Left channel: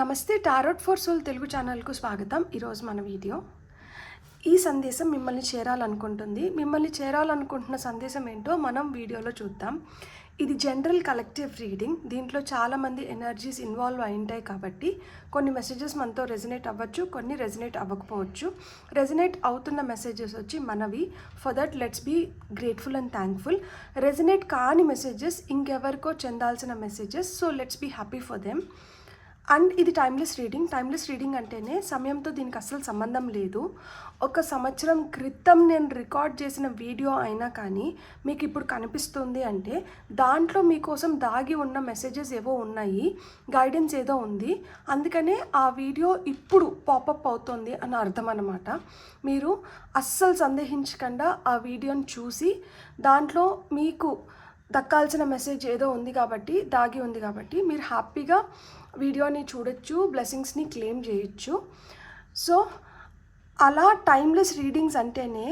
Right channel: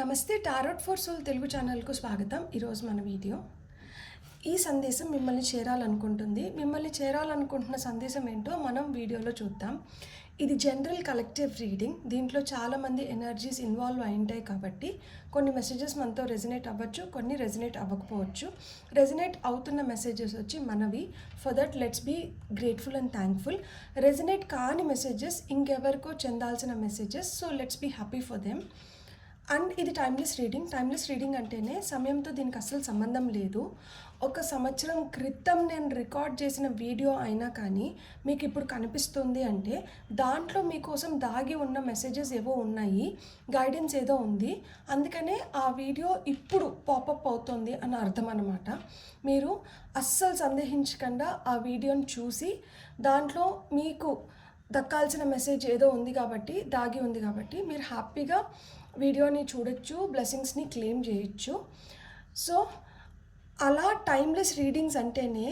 నమస్తే tarot for soul Telugu ఛానల్కు స్వాగతం. ఈరోజు మన వీడియో ఈ సందేశం మిమ్మల్ని చేరాలనుకుంటున్న సందేశం ఏంటో మనం వీడియోలో చూద్దాం. ఇది జనరల్ కలెక్టివ్ రీడింగ్. దీంట్లో చాలామంది ఎనర్జీస్ ఇన్వాల్వ్ అయి ఉంటాయి కాబట్టి కొన్ని మెసేజెస్ మనతో రెజనేట్ అవ్వచ్చు, కొన్ని రెజనేట్ అవ్వకపోవచ్చు. రెజనేట్ అవుతున్న మెసేజెస్ వచ్చి మనవి. For that let's be grateful and thankful. Resonate కాని మెసేజెస్ ఇంకెవరికో చెందాల్సిన messages, so let's be happy for them. And ఇది టైమ్లెస్ రీడింగ్ అంటేనే సమయంతో దీనికి అస్సలు సంబంధం లేదు. 1 సంవత్సరం క్రితం నేను రికార్డ్ చేసిన వీడియో అయినా కానీ మీకు ఇప్పుడు కనిపిస్తుంది అంటే దాంట్లో మీకోసం దాగి ఉన్న మెసేజెస్ ఏవో ఉన్నాయి, గైడెన్స్ ఏదో ఉంది. అందుకనే ఆ వీడియో ఇప్పుడు పాపప్ అవుతుంది అని అర్థం అన్నమాట. మీరు అస్సలు సందేహించకుండా ఆ వీడియోని చూసి దాంట్లో మీకు దక్కాల్సిన మెసేజ్ ఏదో ఉంది కాబట్టి, దాగి ఉంది కాబట్టి మీరు హ్యాపీగా వీడియోని చూడొచ్చు, బ్లెస్సింగ్స్ని క్లెయిమ్ చేయొచ్చు. సో అలా టైమ్లెస్ రీడింగ్స్ అంటేనే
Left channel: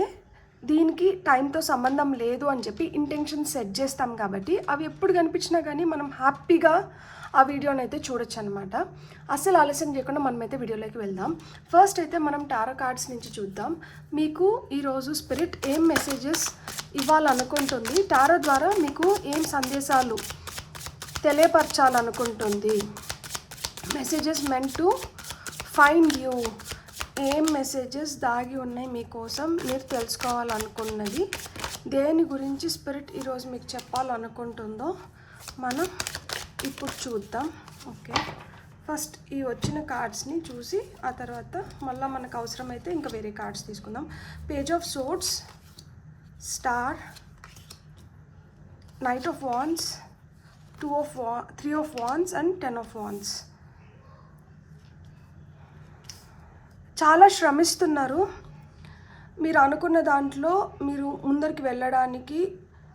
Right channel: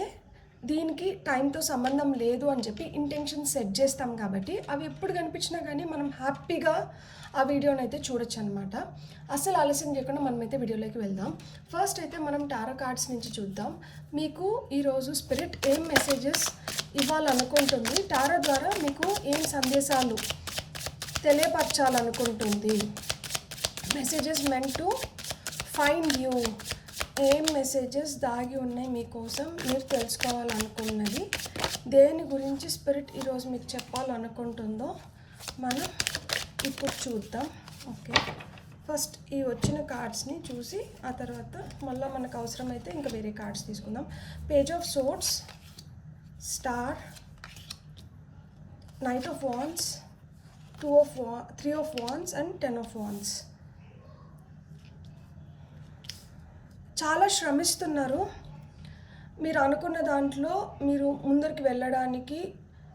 దీనికి టైంతో సంబంధం లేదు అని చెప్పి ఇంటెన్షన్ సెట్ చేస్తాం కాబట్టి అవి ఎప్పుడు కనిపించినా కానీ మనం హ్యాపీగా ఆ వీడియోని అయితే చూడొచ్చు అనమాట. అస్సలు ఆలస్యం చేయకుండా మనమైతే వీడియోలోకి వెళ్దాం. ఫస్ట్ అయితే మనం టారో కార్డ్స్ నుంచి చూద్దాం. మీకు ఈరోజు స్పిరిట్ ఏం మెసేజెస్ ఇవ్వాలనుకుంటుంది, టారో ద్వారా మీకు ఏం సందేశాలు తెలియపరచాలనుకుంటుంది. Messages meant to find you. ఏం మెసేజెస్ దాగి ఉన్నాయి మీకోసం, మీరు తెలుసుకోవాలనుకున్నది, దేని గురించి స్పిరిట్ ఈరోజు మీకు చెప్పాలనుకుంటుందో మనం ఇప్పుడు చూద్దాం. ఓకే, ఫస్ట్ ఈ వచ్చిన కార్డ్స్ని చూసి ఆ తర్వాత మళ్ళీ మనకు అవసరమైతే ఇంకా వేరే కార్డ్స్ తీసుకుందాం. Page of swords, star, knight of wands, 3 of wands and 10 of wands. చాలా శ్రమిస్తున్నారు మీరు అనుకున్న దాంట్లో మీరు ముందరికి వెళ్ళడానికి,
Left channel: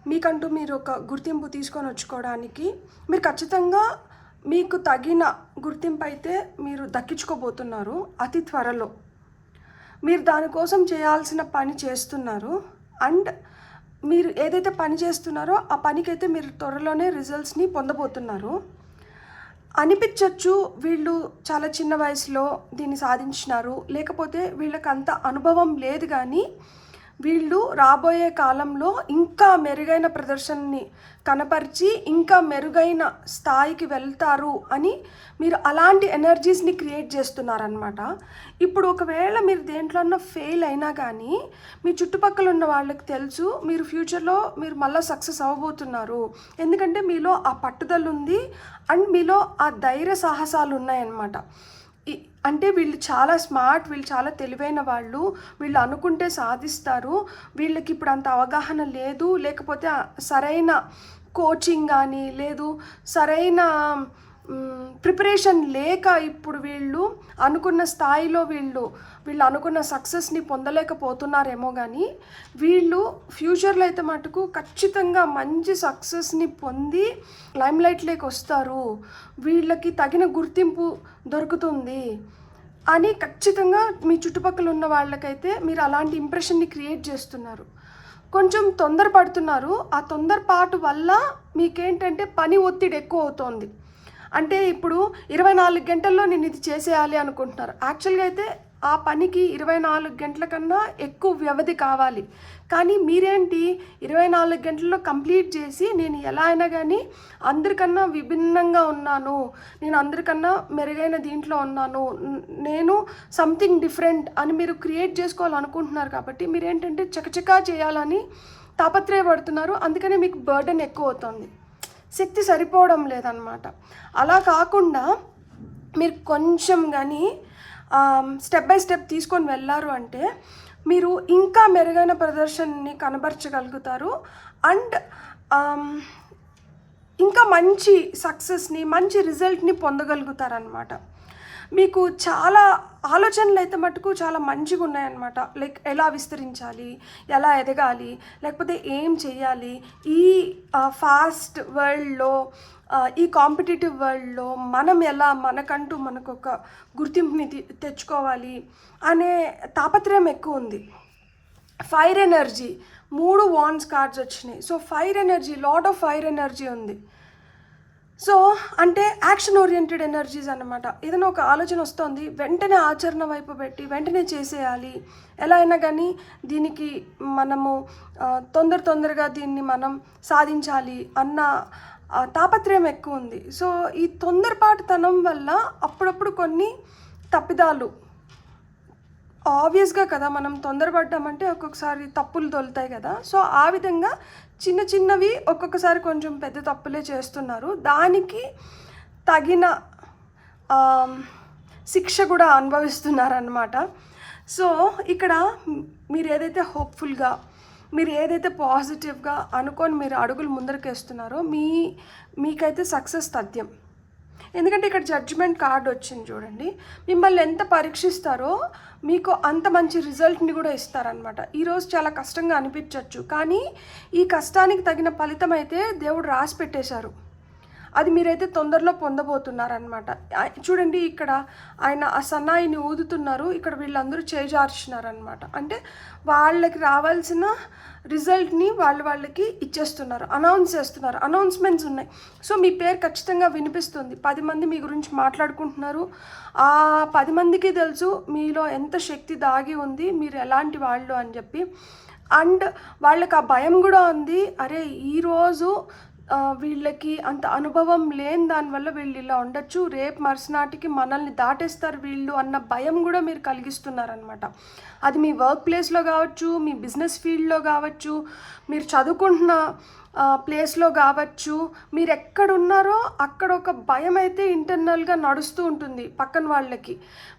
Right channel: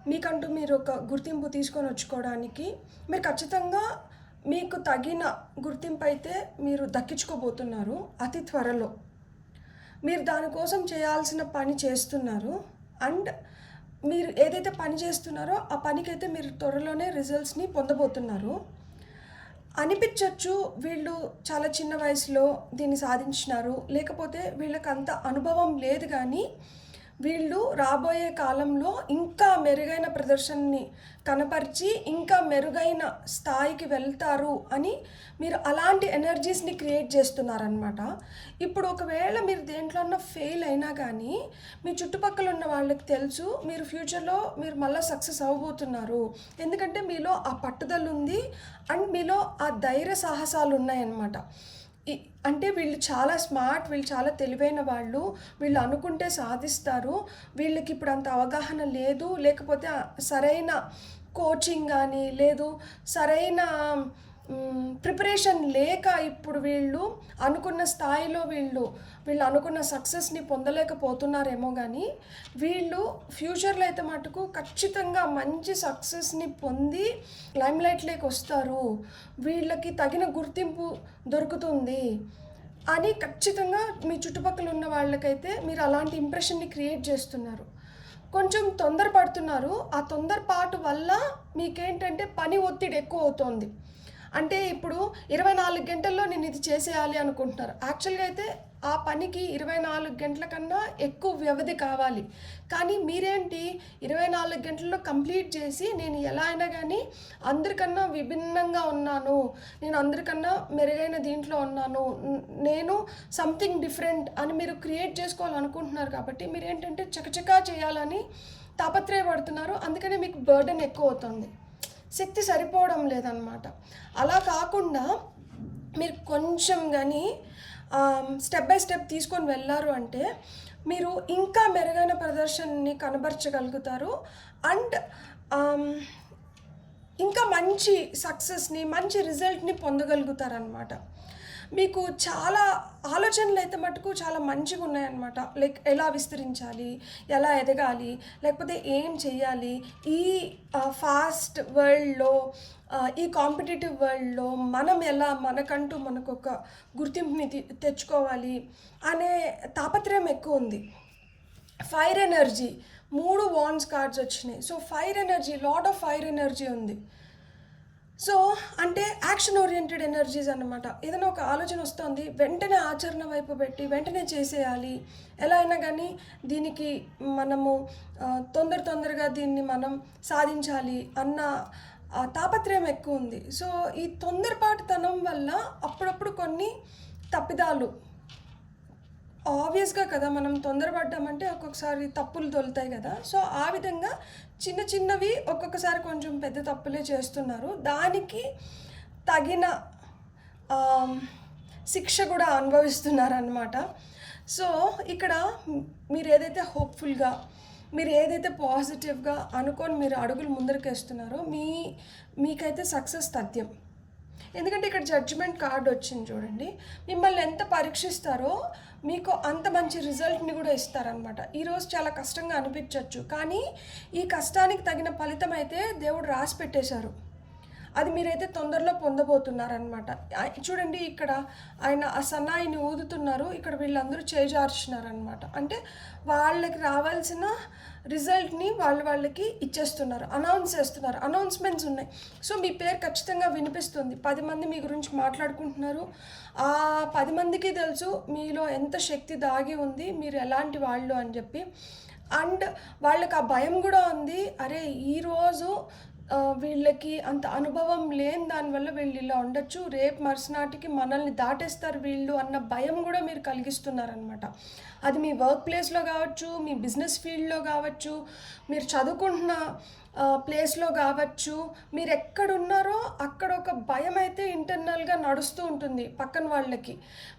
మీకంటూ మీరు ఒక గుర్తింపు తీసుకొని వచ్చుకోవడానికి. మీరు ఖచ్చితంగా మీకు తగిన గుర్తింపు అయితే మీరు దక్కించుకోబోతున్నారు అతి త్వరలో. మీరు దానికోసం చేయాల్సిన పని చేస్తున్నారు. అండ్ మీరు ఏదైతే పని చేస్తున్నారో ఆ పనికైతే మీరు త్వరలోనే రిజల్ట్స్ని పొందబోతున్నారు. అనిపించవచ్చు వీళ్ళు చాలా చిన్న వయసులో దీన్ని సాధించినారు, లేకపోతే వీళ్ళకి అంత అనుభవం లేదు, కానీ వీళ్ళు రాబోయే కాలంలో ఇంకా మెరుగైన ప్రదర్శనని కనపరిచి ఇంకా మెరుగైన స్థాయికి వెళ్తారు అని మీరు అలాంటి ఎనర్జీస్ని క్రియేట్ చేస్తున్నారనమాట. ఇప్పుడు ఒకవేళ మీరు దేంట్లోన్నా ఫెయిల్ అయినా కానీ మీ చుట్టుపక్కల ఉన్న వాళ్ళకి తెలుసు మీరు ఫ్యూచర్లో మీరు మళ్ళీ సక్సెస్ అవ్వబోతున్నారు. ఎందుకంటే మీలో ఆ పట్టుదల ఉంది అండ్ మీలో ఆ ధైర్య సాహసాలు ఉన్నాయన్నమాట. అంటే వీళ్ళు చాలా స్మార్ట్, వీళ్ళు చాలా తెలివైన వాళ్ళు, వీళ్ళు అనుకుంటే సాధిస్తారు. వీళ్ళకి ఇప్పుడు అంత అవగాహన లేదు, లేకపోతే సరైన కోచింగ్ కానీ లేదు, సరైన ప్రిపరేషన్ లేక ఇప్పుడు వీళ్ళు అనుకున్న స్థాయిలో వీళ్ళు అనుకున్న సక్సెస్ని పొందలేకపోతున్నారేమో. కానీ వీళ్ళు ఫ్యూచర్లో అయితే మటుకు ఖచ్చితంగా మంచి సక్సెస్ని పొంది లైమ్లైట్లోకి వస్తారు, వీళ్ళకి తగిన గుర్తింపు దొరుకుతుంది అని ఖచ్చితంగా మీ చుట్టుపక్కల ఉన్న వాళ్ళకైతే మీరు అలాంటి ఇంప్రెషన్ని క్రియేట్ చేస్తున్నారు. కొంచెం తొందరపడుతున్నారు. ఆ తొందరపాటు వల్ల మీకేంటంటే పని ఒత్తిడి ఎక్కువ అవుతోంది. అంటే ఇప్పుడు 24 గంటల్లో నేను ఇది చేసేయాలి అనుకుంటున్నారు. యాక్చువల్గా అయితే ఆ పనికి 24 గంటల కన్నా ఎక్కువ వ్యవధి కావాలి. కానీ మీరేంటి 24 గంటల్లో కంప్లీట్ చేసి నేను ఎలా అయినా కానీ అందరికన్నా విభిన్నంగా ఉన్నాను, నేను అందరికన్నా మెరుగైన దీంట్లో ఉన్నాను, నేను సంథింగ్ డిఫరెంట్ అని మీరు క్రియేట్ చేసుకోవాలనుకుంటున్నారు. కాబట్టి మీరేంటంటే చకచకా చేయాలని తాపత్రయపడుతున్నారు. అందుకని మీకు బర్డెన్ ఎక్కువ అవుతుంది, శక్తి సరిపోవడం లేదనమాట. అలా కాకుండా మీరు కొంచెం కానీ స్టెప్ బై స్టెప్ తీసుకొని వెళ్ళారు అంటే మీరు ఇంకా మెరుగైన ప్రదర్శనని కనబరచగలుగుతారు. అండ్ ఇంకా మంచి సక్సెస్ని, మంచి రిజల్ట్ని పొందగలుగుతారనమాట. మీకు చాలా ఆలోచనలు అయితే మటుకు చాలా మంచిగా ఉన్నాయన్నమాట. లైక్ ఎలా విస్తరించాలి, ఎలా ఎదగాలి, లేకపోతే ఏం చెయ్యాలి, ఈ ఫాస్ట్ వరల్డ్లో, ఈ కాంపిటేటివ్ వరల్డ్లో మనం ఎలా మనకంటూ మనకు ఒక గుర్తింపుని తెచ్చుకోవాలి అనే తాపత్రయం ఎక్కువ ఉంది. ఫైర్ ఎనర్జీ, 3 వాండ్స్ కార్డ్స్ వచ్చినాయి. So fire energy, lot of fire energy ఉంది. సో అంటే యాక్షన్ ఓరియంటెడ్ ఎనర్జీస్ అన్నమాట. ఏదైనా ఒక ఆలోచన వస్తుంది, వెంటనే ఆచరణ వైపు పెట్టి వెంటనే చేసేయాలి, ఎలా అయినా కానీ దీనికి మనము తొందరగా దీన్ని మనం సాధించాలి అన్న తాపత్రయం ఎక్కువ ఉంది. సో ఈ తొందరపాటుతనం వల్ల అప్పుడప్పుడు కొన్ని తప్పిదాలు ఆబ్వియస్గా కదా, మనం తొందరపడ్డామంటే ఒక్కొక్కసారి తప్పులు దొలుతాయి కదా. సో ఆ విధంగా చిన్నవి ఒక్కొక్కసారి కొంచెం పెద్ద తప్పులే చేస్తున్నారు. దానికి తగిన శిక్ష కూడా అనుభవిస్తున్నారనమాట. సో ఇక్కడ మీరు ఏదైతే హోప్ఫుల్గా, మీరు ఏదైతే పాజిటివ్గా అనుకొని మీరు అడుగులు ముందరకేస్తున్నారో మీకైతే సక్సెస్ తథ్యం. ఎందుకంటే ఇక్కడ జడ్జిమెంట్ కార్డ్ వచ్చింది చూడండి. మిమ్మల్ని ఎంత పరీక్షిస్తారో మీకు అంత మంచి రిజల్ట్ని కూడా ఇస్తారనమాట. ఈరోజు చాలా కష్టంగా అనిపించవచ్చు, కానీ ఈ కష్టానికి తగిన ఫలితం అయితే దేవుడు రాసి పెట్టేశారు. అది మీరైతే తొందరలో పొందబోతున్నారనమాట. చూడండి, ఇక్కడ ఆయన ఆ సన్నాయిని ఊదుతున్నారు, ఇక్కడ వీళ్ళందరూ చేజార్చినారనమాట. అంటే వాళ్ళకి రావాల్సిన రిజల్ట్ని వాళ్ళకి ఇచ్చేస్తున్నారు, అనౌన్స్ చేస్తున్నారు, అనౌన్స్మెంట్స్ ఉన్నాయి. సో మీ పేరు ఖచ్చితంగా వినిపిస్తుంది. 10 మంది మీ గురించి మాట్లాడుకుంటున్నారు. ఆ 10 మందికి తెలుసు మీలో ఎంత శక్తి దాగి ఉంది, మీరు ఎలాంటి వాళ్ళు అని చెప్పి. అండ్ వాళ్ళకి ఆ భయం కూడా ఉంది, అరే ఈరోజు వీళ్ళకి అంత అనుభవం లేని దానివల్ల వీళ్ళు ఇలా ఉండొచ్చు, రేపు మరుసనాటికి మనల్ని దాటేస్తారు వీళ్ళు అన్న భయం కూడా మీరు కలిగిస్తున్నారనమాట. అది మీ వర్క్ ప్లేస్లో కావచ్చు, మీ బిజినెస్ ఫీల్డ్లో కావచ్చు, మీరు చదువుకుంటున్న ప్లేస్లో కావచ్చు, మీరు ఎక్కడున్నారో అక్కడ ఒక భయం అయితే ఇంటర్నల్గా నడుస్తూ ఉంటుంది పక్కన వాళ్ళకి.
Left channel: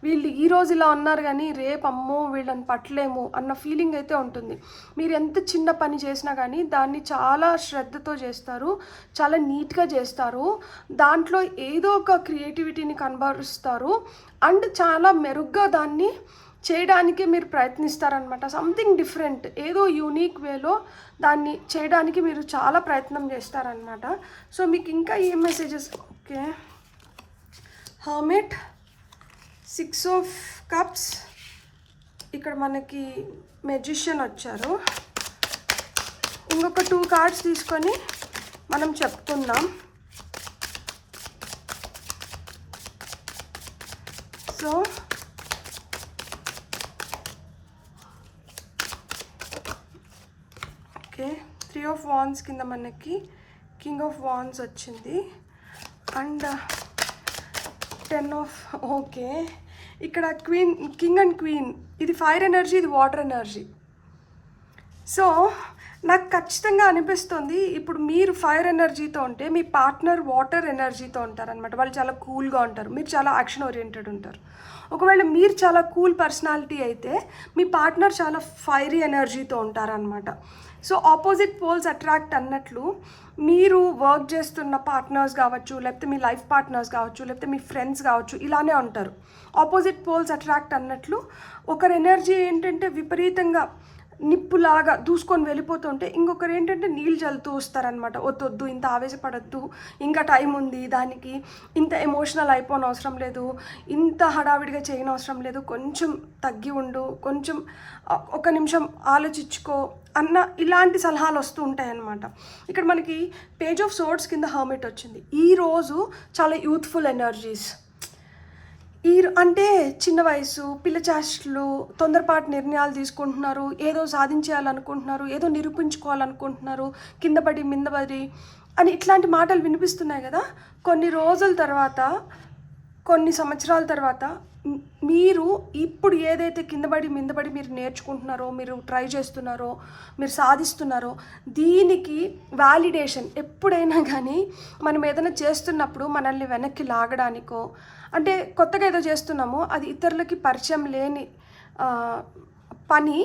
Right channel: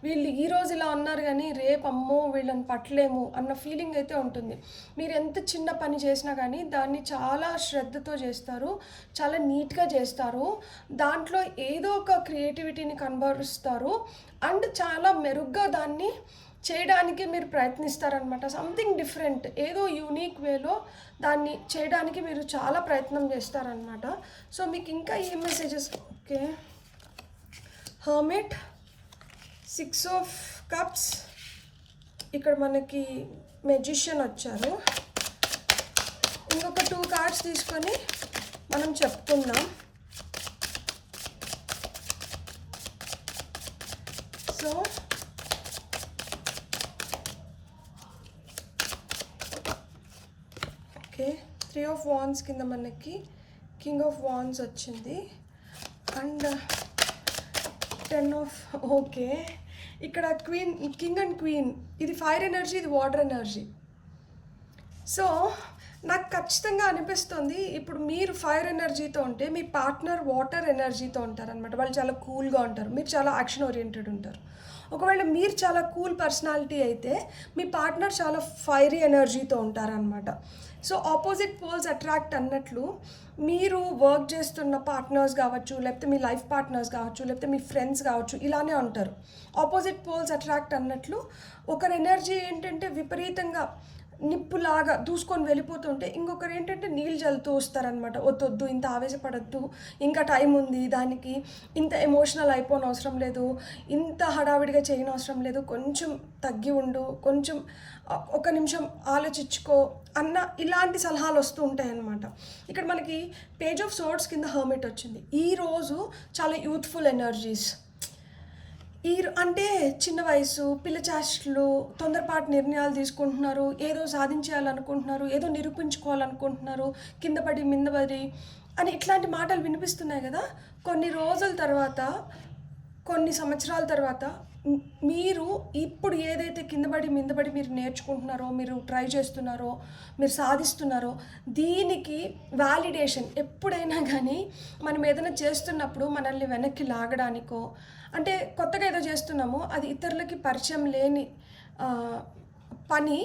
వీళ్ళు ఈరోజు ఇలా ఉన్నారు కానీ రేపు అమ్మో వీళ్ళని పట్టలేము అన్న ఫీలింగ్ అయితే ఉంటుంది. మీరు ఎంత చిన్న పని చేసినా కానీ దాన్ని చాలా శ్రద్ధతో చేస్తారు, చాలా నీట్గా చేస్తారు, దాంట్లో ఏదో ఒక క్రియేటివిటీని కనబరుస్తారు, అండ్ చాలా మెరుగ్గా దాన్ని చేయడానికి మీరు ప్రయత్నిస్తారనమాట. సంథింగ్ డిఫరెంట్, ఏదో యూనిక్ వేలో దాన్ని చేయడానికి మీరు చాలా ప్రయత్నం చేస్తారనమాట. సో మీకు ఇంకా ఏ messages? Okay, hermit, 6 of Cups, ఇక్కడ మనకి మెజిషియన్ వచ్చారు. ఇంకొక 2 కార్డ్స్ తీసుకొని మనం చెప్పుకుందాం. సో ఓకే, 3 of Wands కింద మనకి కింగ్ ఆఫ్ వాండ్స్ వచ్చింది, అండ్ 10 of, ఓకే ఇక్కడ క్వీన్, కింగ్ అండ్ క్వీన్, ఇది ఫైర్ ఎనర్జీ, ఇది వాటర్ ఎనర్జీ. సో నాకు ఖచ్చితంగా అనిపిస్తుంది ఇప్పుడు మీరు ఫైర్ ఎనర్జీతో ఉంటే మీ పార్ట్నర్ వాటర్ ఎనర్జీతో ఉంటారనమాట. వాళ్ళు చాలా కూల్గా ఉంటారు, మీరు చాలా యాక్షన్ ఓరియంటెడ్ ఉంటారు. ఒకవేళ మీరు చాలా కూల్ పర్సనాలిటీ అయితే మీ పార్ట్నర్ చాలా ఫైరీ ఎనర్జీతో ఉంటారనమాట. సో ఆపోజిట్ పోల్స్ అట్రాక్ట్ అన్నట్లు మీరు వర్క్ చేస్తున్న పార్ట్నర్స్ కావచ్చు, లేకపోతే మీ లైఫ్ పార్ట్నర్స్ కావచ్చు, లేకపోతే మీ ఫ్రెండ్స్ కావచ్చు, ఇలానే ఉంటారు. ఆపోజిట్ పోల్స్ అట్రాక్ట్ అన్నట్లు ఒకరి ఎనర్జీ ఏంటంటే విపరీతంగా నిప్పులాగా దూసుకొని వెళ్ళిపోతుంటే ఇంకొకరు ఏంటంటే నీళ్ళు చల్లుతూ వస్తారనమాట. వద్దొద్దు, ఇంత ఆవేశపడద్దు, ఇంకా టైం ఉంది, దానికి ఇంత ఎమోషనల్ అయిపోని అవసరం లేదు, ఇంత హడావిడిగా చేయని అవసరం లేదు, కొంచెం తగ్గి ఉండు, కొంచెం ఒక నిమిషం ఆలోచించుకో అన్న ఇలాంటి సలహాలు వస్తూ ఉంటాయి అన్నమాట. ఇక్కడ మనకి పేజ్ ఆఫ్ సోర్డ్స్ కింద హర్మిట్ వచ్చింది. ఈరోజు చాలా యూత్ఫుల్ ఎనర్జీస్, అంటే చిన్న వయసు, పిల్లచాష్టలు, తొందరపాటు నిర్ణయాలు తీసుకుంటున్నారు, ఏదో సాధించేయాలనుకుంటున్నారు, ఏదో నిరూపించుకోవాలనుకుంటున్నారు, కిందపడి మిందపడి అని ఇట్లాంటి మాటలు వినిపిస్తున్నాయి కదా. కొన్ని రోజుల తర్వాత, కొన్ని సంవత్సరాల తర్వాత మీరు ఇప్పుడు ఏదైతే కిందపడి మిందపడి మీరు నేర్చుకుంటున్నారో, మీరు ట్రై చేస్తున్నారో, మీరు సాధిస్తున్నారో, దీనికి వ్యాలిడేషన్ ఎప్పుడైనా కానీ మనం ఏదైనా చేస్తున్నప్పుడు మనల్ని వెనక్కి లాగడానికో, అంటే కొత్తగా ఏదో చేస్తున్నామో అది ఇతరులకి పరిచయం లేని పని.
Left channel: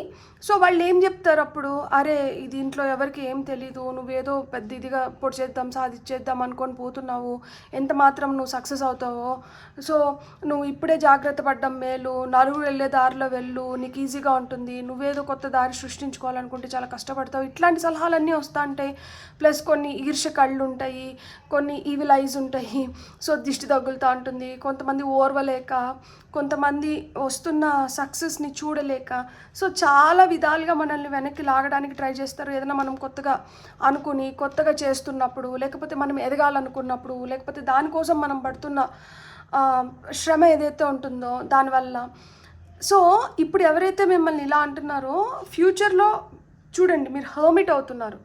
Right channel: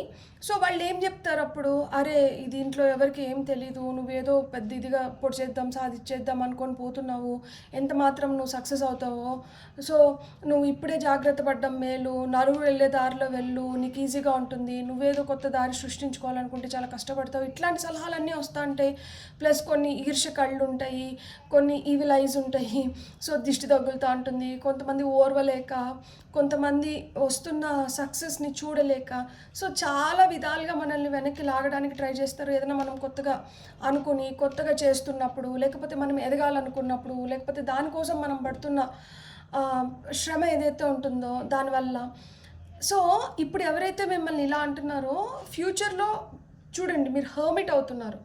సో వాళ్ళు ఏం చెప్తారు అప్పుడు, అరే దీంట్లో ఎవరికి ఏం తెలీదు, నువ్వేదో పెద్ద ఇదిగా పొడి చేద్దాం సాధించేద్దాం అనుకొని పోతున్నావు, ఎంత మాత్రం నువ్వు సక్సెస్ అవుతావో, సో నువ్వు ఇప్పుడే జాగ్రత్త పడ్డం మేలు, నలుగురు వెళ్ళే దారిలో వెళ్ళు, నీకు ఈజీగా ఉంటుంది, నువ్వేదో కొత్త దారి సృష్టించుకోవాలనుకుంటే చాలా కష్టపడతావు, ఇట్లాంటి సలహాలన్నీ వస్తూ ఉంటాయి. ప్లస్ కొన్ని ఈర్ష్య కళ్ళు ఉంటాయి, కొన్ని ఈవిల్ ఐజ్ ఉంటాయి, సో దిష్టి తగులుతూ ఉంటుంది, కొంతమంది ఓర్వలేక, కొంతమంది వస్తున్న సక్సెస్ని చూడలేక, సో చాలా విధాలుగా మనల్ని వెనక్కి లాగడానికి ట్రై చేస్తారు. ఏదైనా మనం కొత్తగా చేస్తున్నప్పుడు, లేకపోతే మనం ఎదగాలనుకున్నప్పుడు, లేకపోతే దానికోసం మనం పడుతున్న శ్రమ ఏదైతే ఉంటుందో దానివల్ల. సో ఇప్పుడు ఎవరైతే మిమ్మల్ని ఇలా అంటున్నారో, ఫ్యూచర్లో చూడండి మీరు హర్మిట్ అవుతున్నారు.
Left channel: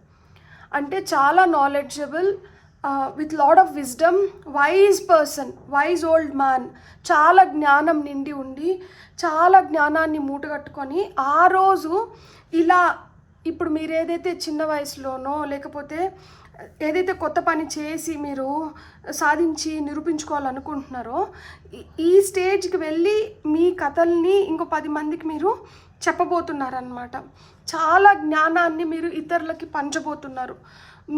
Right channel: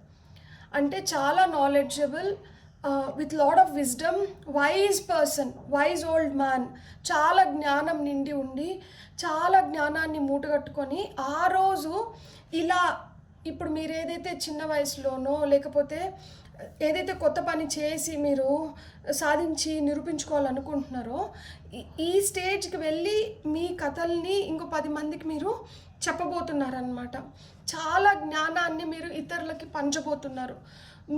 అంటే చాలా knowledgeable, with lot of wisdom, wise person, wise old man, చాలా జ్ఞానం నిండి ఉండి చాలా జ్ఞానాన్ని మూటగట్టుకొని ఆ రోజు ఇలా ఇప్పుడు మీరు ఏదైతే చిన్న వయసులోనో లేకపోతే ఏదైతే కొత్త పని చేసి మీరు సాధించి నిరూపించుకోవాలనుకుంటున్నారో ఈ స్టేజ్కి వెళ్ళి మీ కథల్ని ఇంకో 10 మందికి మీరు చెప్పబోతున్నారనమాట. చాలా జ్ఞానాన్ని మీరు ఇతరులకి పంచబోతున్నారు.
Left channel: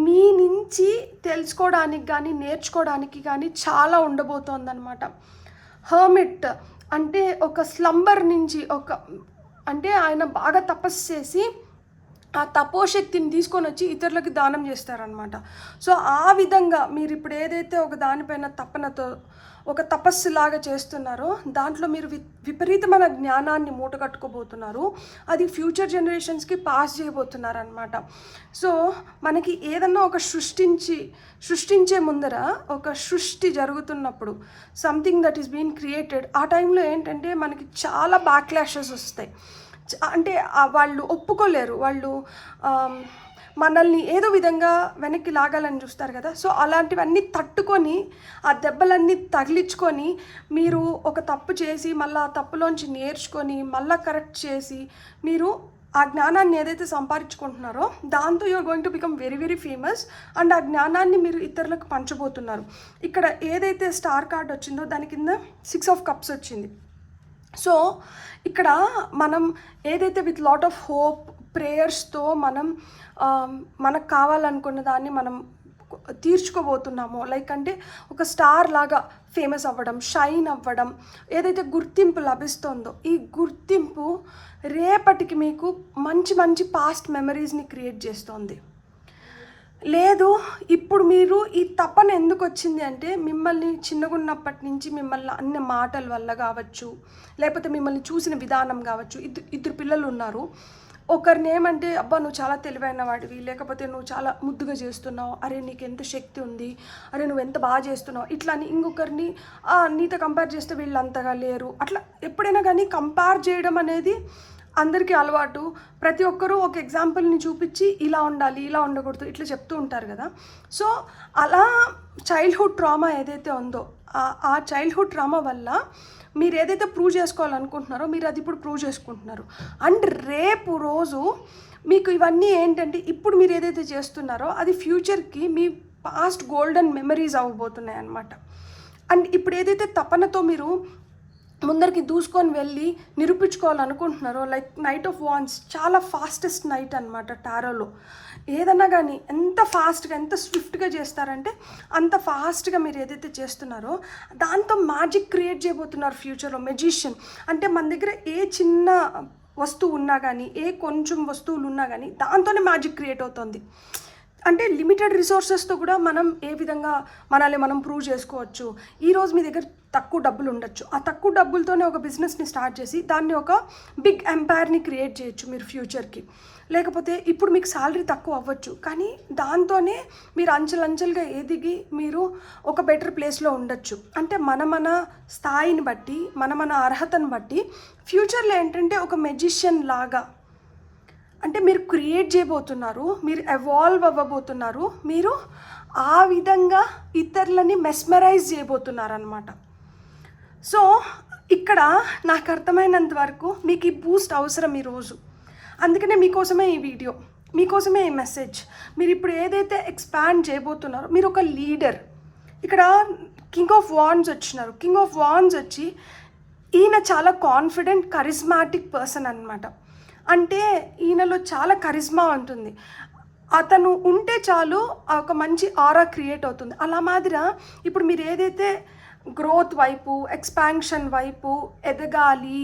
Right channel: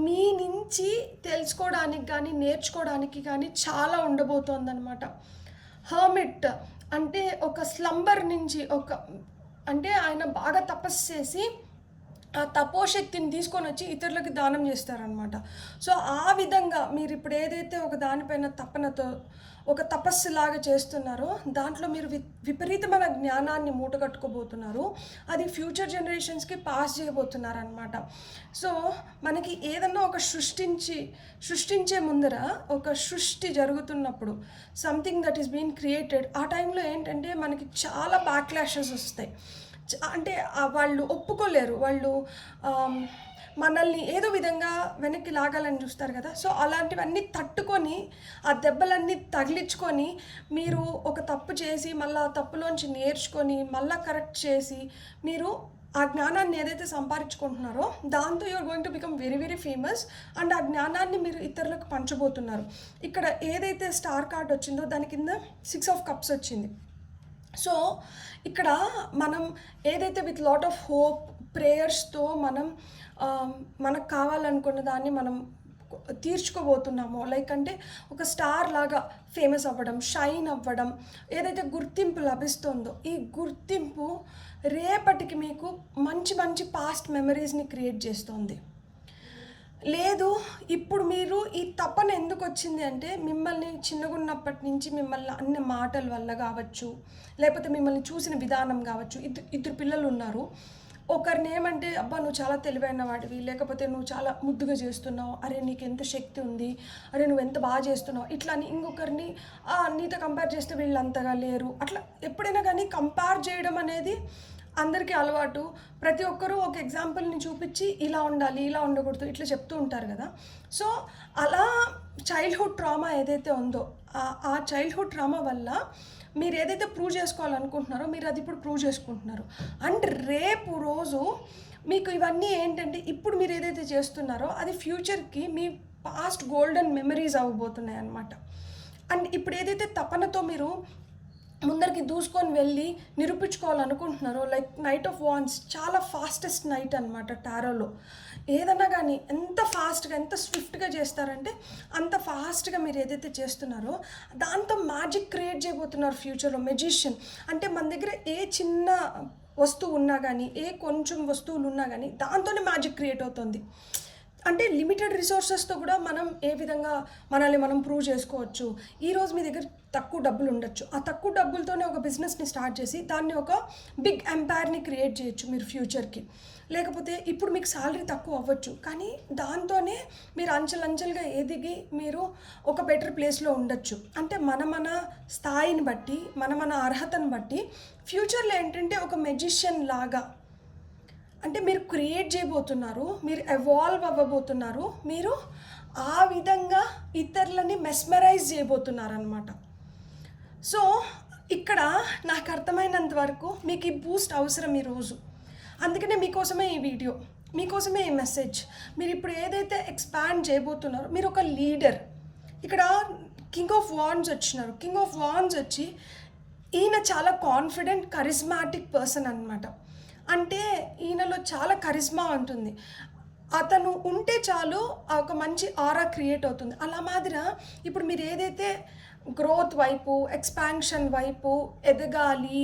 మీ నుంచి తెలుసుకోవడానికి కానీ నేర్చుకోవడానికి కానీ చాలా ఉండబోతోందనమాట. హర్మిట్ అంటే ఒక స్లంబర్ నుంచి అంటే ఆయన బాగా తపస్సు చేసి ఆ తపోశక్తిని తీసుకొని వచ్చి ఇతరులకి దానం చేస్తారనమాట. సో ఆ విధంగా మీరు ఇప్పుడు ఏదైతే ఒక దానిపైన తపనతో ఒక తపస్సులాగా చేస్తున్నారో దాంట్లో మీరు విపరీతమైన జ్ఞానాన్ని మూటగట్టుకోబోతున్నారు. అది ఫ్యూచర్ జనరేషన్స్కి పాస్ చేయబోతున్నారనమాట. సో మనకి ఏదన్నా ఒక సృష్టించే ముందర ఒక సృష్టి జరుగుతున్నప్పుడు something that is been created, ఆ టైంలో ఏంటంటే మనకి చాలా బ్యాక్లాషెస్ వస్తాయి. అంటే వాళ్ళు ఒప్పుకోలేరు, వాళ్ళు మనల్ని ఏదో విధంగా వెనక్కి లాగాలని చూస్తారు కదా. సో అలాంటివన్నీ తట్టుకొని ఆ దెబ్బలన్నీ తగిలించుకొని మీరు ఒక తప్పు చేసి మళ్ళీ ఆ తప్పులోంచి నేర్చుకొని మళ్ళీ కరెక్ట్ చేసి మీరు ఆ జ్ఞానాన్ని ఏదైతే సంపాదించుకుంటున్నారో దాంతో you are going to become very very famous. And ఆ జ్ఞానాన్ని మీరు ఇతరులకు పంచబోతున్నారు. ఇక్కడ ఏదైతే స్టార్ కార్డ్ వచ్చిందో దాని కింద 6 ఆఫ్ కప్స్ వచ్చింది. సో ఇక్కడ మనం ఏదైతే విత్ లాట్ ఆఫ్ హోప్ ప్రేయర్స్తో మనకు కావాలనుకున్న దాన్ని మనం తీర్చుకోబోతున్నామో, లైక్ అంటే ఒక స్టార్ లాగా ఫేమస్ అవ్వడం, షైన్ అవ్వడం, ఏదైతే గుర్తింపు లభిస్తుందో ఈ గుర్తింపు రేపటికి మీకు మంచి మంచి పాస్ట్ మెమరీస్ని క్రియేట్ చేస్తుంది. లేదు ఇప్పుడు మీరు ఈ తపన ఎందుకు వచ్చింది అంటే మిమ్మల్ని చిన్నగున్నప్పటి నుంచి మిమ్మల్ని అన్న మాటల వల్ల కావచ్చు, లేకపోతే మిమ్మల్ని చూసిన విధానం కావచ్చు. ఇద్దరు పిల్లలు ఉన్నారు. ఒకరిని ఏమంటే అబ్బా నువ్వు చాలా తెలివైన వాడివి, లేకపోతే నువ్వు చాలా ముద్దుగా చేస్తున్నావు, అరే నీకు ఎంత శక్తి ఉంది, అరే నువ్వు ఎంత బాగా చేస్తున్నావు ఇట్లా అని. ఇంకొకరిని నీతో కంపేర్ చేస్తే వీళ్ళు అంతగా లేరు. అట్లా ఎప్పుడైనా కానీ కంపేర్ చేయడం అనేది అందరికీ అలవాటు. ప్రతి ఒక్కరూ ఒక ఎగ్జాంపుల్ని చూపించి ఇలా ఉండాలి ఇలా ఉండకూడదు ఇట్లా చెప్తూ ఉంటారు కదా. సో అలా చైల్డ్హుడ్ ట్రామా ఏదైతే ఉందో ఆ చైల్డ్హుడ్ ట్రామా వల్ల మీరు ఏదైతే ప్రూవ్ చేసుకోవాలనుకుంటున్నారో మీరు అది ఇప్పుడు ప్రూవ్ చేసుకుంటున్నారు. అండ్ రేపు రోజు మీకు ఇవన్నీ ఏంటంటే ఇప్పుడు మీరు ఏదైతే చేస్తున్నారో అది ఫ్యూచర్కి మీ పాస్ట్ గోల్డెన్ మెమరీస్ అవ్వబోతున్నాయి అన్నమాట. అండ్ ఇప్పుడు ఏదైతే తపనతో మీరు ముందరికి దూసుకొని వెళ్ళి నిరూపించుకోవాలనుకుంటున్నారో, లైక్ నైట్ ఆఫ్ వాన్స్ చాలా ఫాస్టెస్ట్ నైట్ అనమాట టారోలో. ఏదన్నా కానీ ఎంత ఫాస్ట్గా ఎంత స్విఫ్ట్గా చేస్తారంటే అంత ఫాస్ట్గా మీరు ఏదైతే చేస్తున్నారో దాంతో మ్యాజిక్ క్రియేట్ చేయబోతున్నారు ఫ్యూచర్లో. మెజిషియన్ అంటే మన దగ్గర ఏ చిన్న వస్తువు ఉన్నా కానీ కొంచెం వస్తువులు ఉన్నా కానీ దాంతోనే మ్యాజిక్ క్రియేట్ అవుతుంది. అంటే లిమిటెడ్ రిసోర్సెస్తో కూడా మనం ఏ విధంగా మనల్ని మనం ప్రూవ్ చేసుకోవచ్చు. ఈరోజు మీ దగ్గర తక్కువ డబ్బులు ఉండొచ్చు, ఆ తక్కువ డబ్బులతోనే ఒక బిజినెస్ని స్టార్ట్ చేసి దాన్ని ఒక బిగ్ ఎంపైర్ని క్రియేట్ చేయొచ్చు మీరు ఫ్యూచర్కి. లేకపోతే ఇప్పుడు మీకు శాలరీ తక్కువ అవ్వచ్చు, కానీ దాంతోనే మీరు అంచెలంచెలుగా ఎదిగి మీరు ఒక బెటర్ ప్లేస్లో ఉండొచ్చు. అంటే మన స్థాయిని బట్టి మన అర్హతను బట్టి ఫ్యూచర్లో ఏంటంటే ఒక మెజిషియన్ లాగా అంటే మీరు క్రియేట్ చేయబోతున్నారు, మీరు ఎవాల్వ్ అవ్వబోతున్నారు, మీరు ఆ విధంగా ఇతరులని మెస్మరైజ్ చేయబోతున్నారు అనమాట. సో ఇక్కడ నాకు అర్థమైనంత వరకు మీకు ఈ బూస్ట్ అవసరం ఈరోజు. అందుకనే మీకోసమే ఈ వీడియో, మీకోసమే ఈ మెసేజ్. మీరు ఇప్పుడు ఏదైతే ఎక్స్పాండ్ చేయబోతున్నారో మీరు ఒక లీడర్. ఇక్కడ కింగ్ ఆఫ్ వాండ్స్ వచ్చినారు. కింగ్ ఆఫ్ వాండ్స్ వచ్చి ఈయన చాలా కాన్ఫిడెంట్ కరిస్మాటిక్ పర్సన్ అనమాట. అంటే ఈయనలో చాలా కరిజ్మా ఉంటుంది. అతను ఉంటే చాలు ఒక మంచి ఆరా క్రియేట్ అవుతుంది. అలా మాదిరా ఇప్పుడు మీరు ఏదైతే గ్రోత్ వైపు ఎక్స్పాన్షన్ వైపు ఎదగాలి,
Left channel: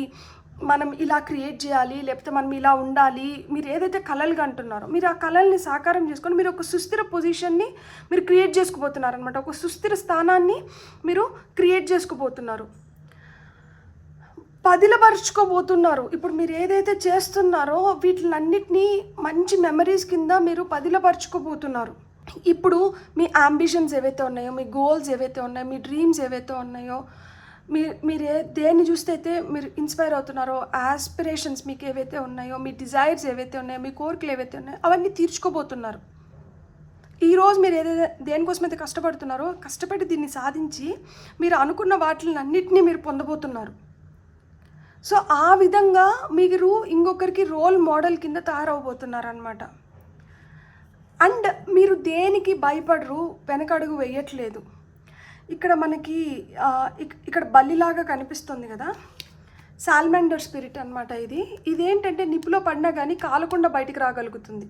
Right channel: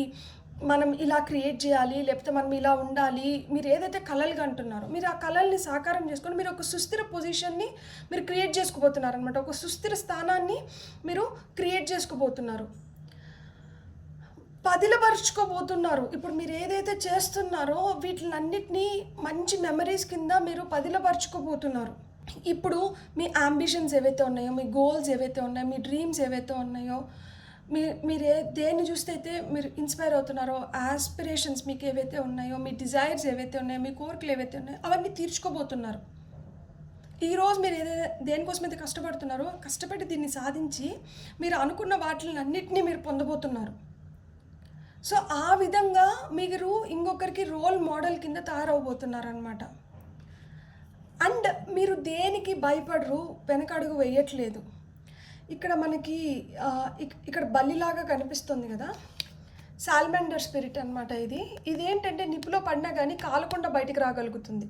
మనం ఇలా క్రియేట్ చేయాలి, లేకపోతే మనం ఇలా ఉండాలి, మీరు ఏదైతే కలలుగా అంటున్నారో మీరు ఆ కళల్ని సాకారం చేసుకొని మీరు ఒక సుస్థిర పొజిషన్ని మీరు క్రియేట్ చేసుకోబోతున్నారు అనమాట. ఒక సుస్థిర స్థానాన్ని మీరు క్రియేట్ చేసుకోబోతున్నారు. పదిలపరుచుకోబోతున్నారు. ఇప్పుడు మీరు ఏదైతే చేస్తున్నారో వీటిలన్నిటినీ మంచి మెమరీస్ కింద మీరు పదిలపరుచుకోబోతున్నారు. ఇప్పుడు మీ అంబిషన్స్ ఏవైతే ఉన్నాయో, మీ గోల్స్ ఏవైతే ఉన్నాయో, మీ డ్రీమ్స్ ఏవైతే ఉన్నాయో, మీరు దేన్ని చూస్తే అయితే మీరు ఇన్స్పైర్ అవుతున్నారో, ఆస్పిరేషన్స్ మీకు ఏవైతే ఉన్నాయో, మీ డిజైర్స్ ఏవైతే ఉన్నాయో, మీ కోరికలు ఏవైతే ఉన్నాయో అవన్నీ తీర్చుకోబోతున్నారు. ఈరోజు మీరు ఏదైతే దేనికోసమైతే కష్టపడుతున్నారో కష్టపడి దీన్ని సాధించి మీరు అనుకున్న వాటిలన్నింటినీ మీరు పొందబోతున్నారు. సో ఆ విధంగా మీరు ఇంకొకరికి రోల్ మోడల్ కింద తయారవబోతున్నారనమాట. అండ్ మీరు దేనికి భయపడరు, వెనకడుగు వేయట్లేదు. ఇక్కడ మనకి ఇక్కడ బల్లిలాగా కనిపిస్తుంది కదా, సాల్మాండర్ స్పిరిట్ అనమాట. ఇదేంటంటే నిప్పులో పడినా కానీ కాలకుండా బయటికి రాగలుగుతుంది.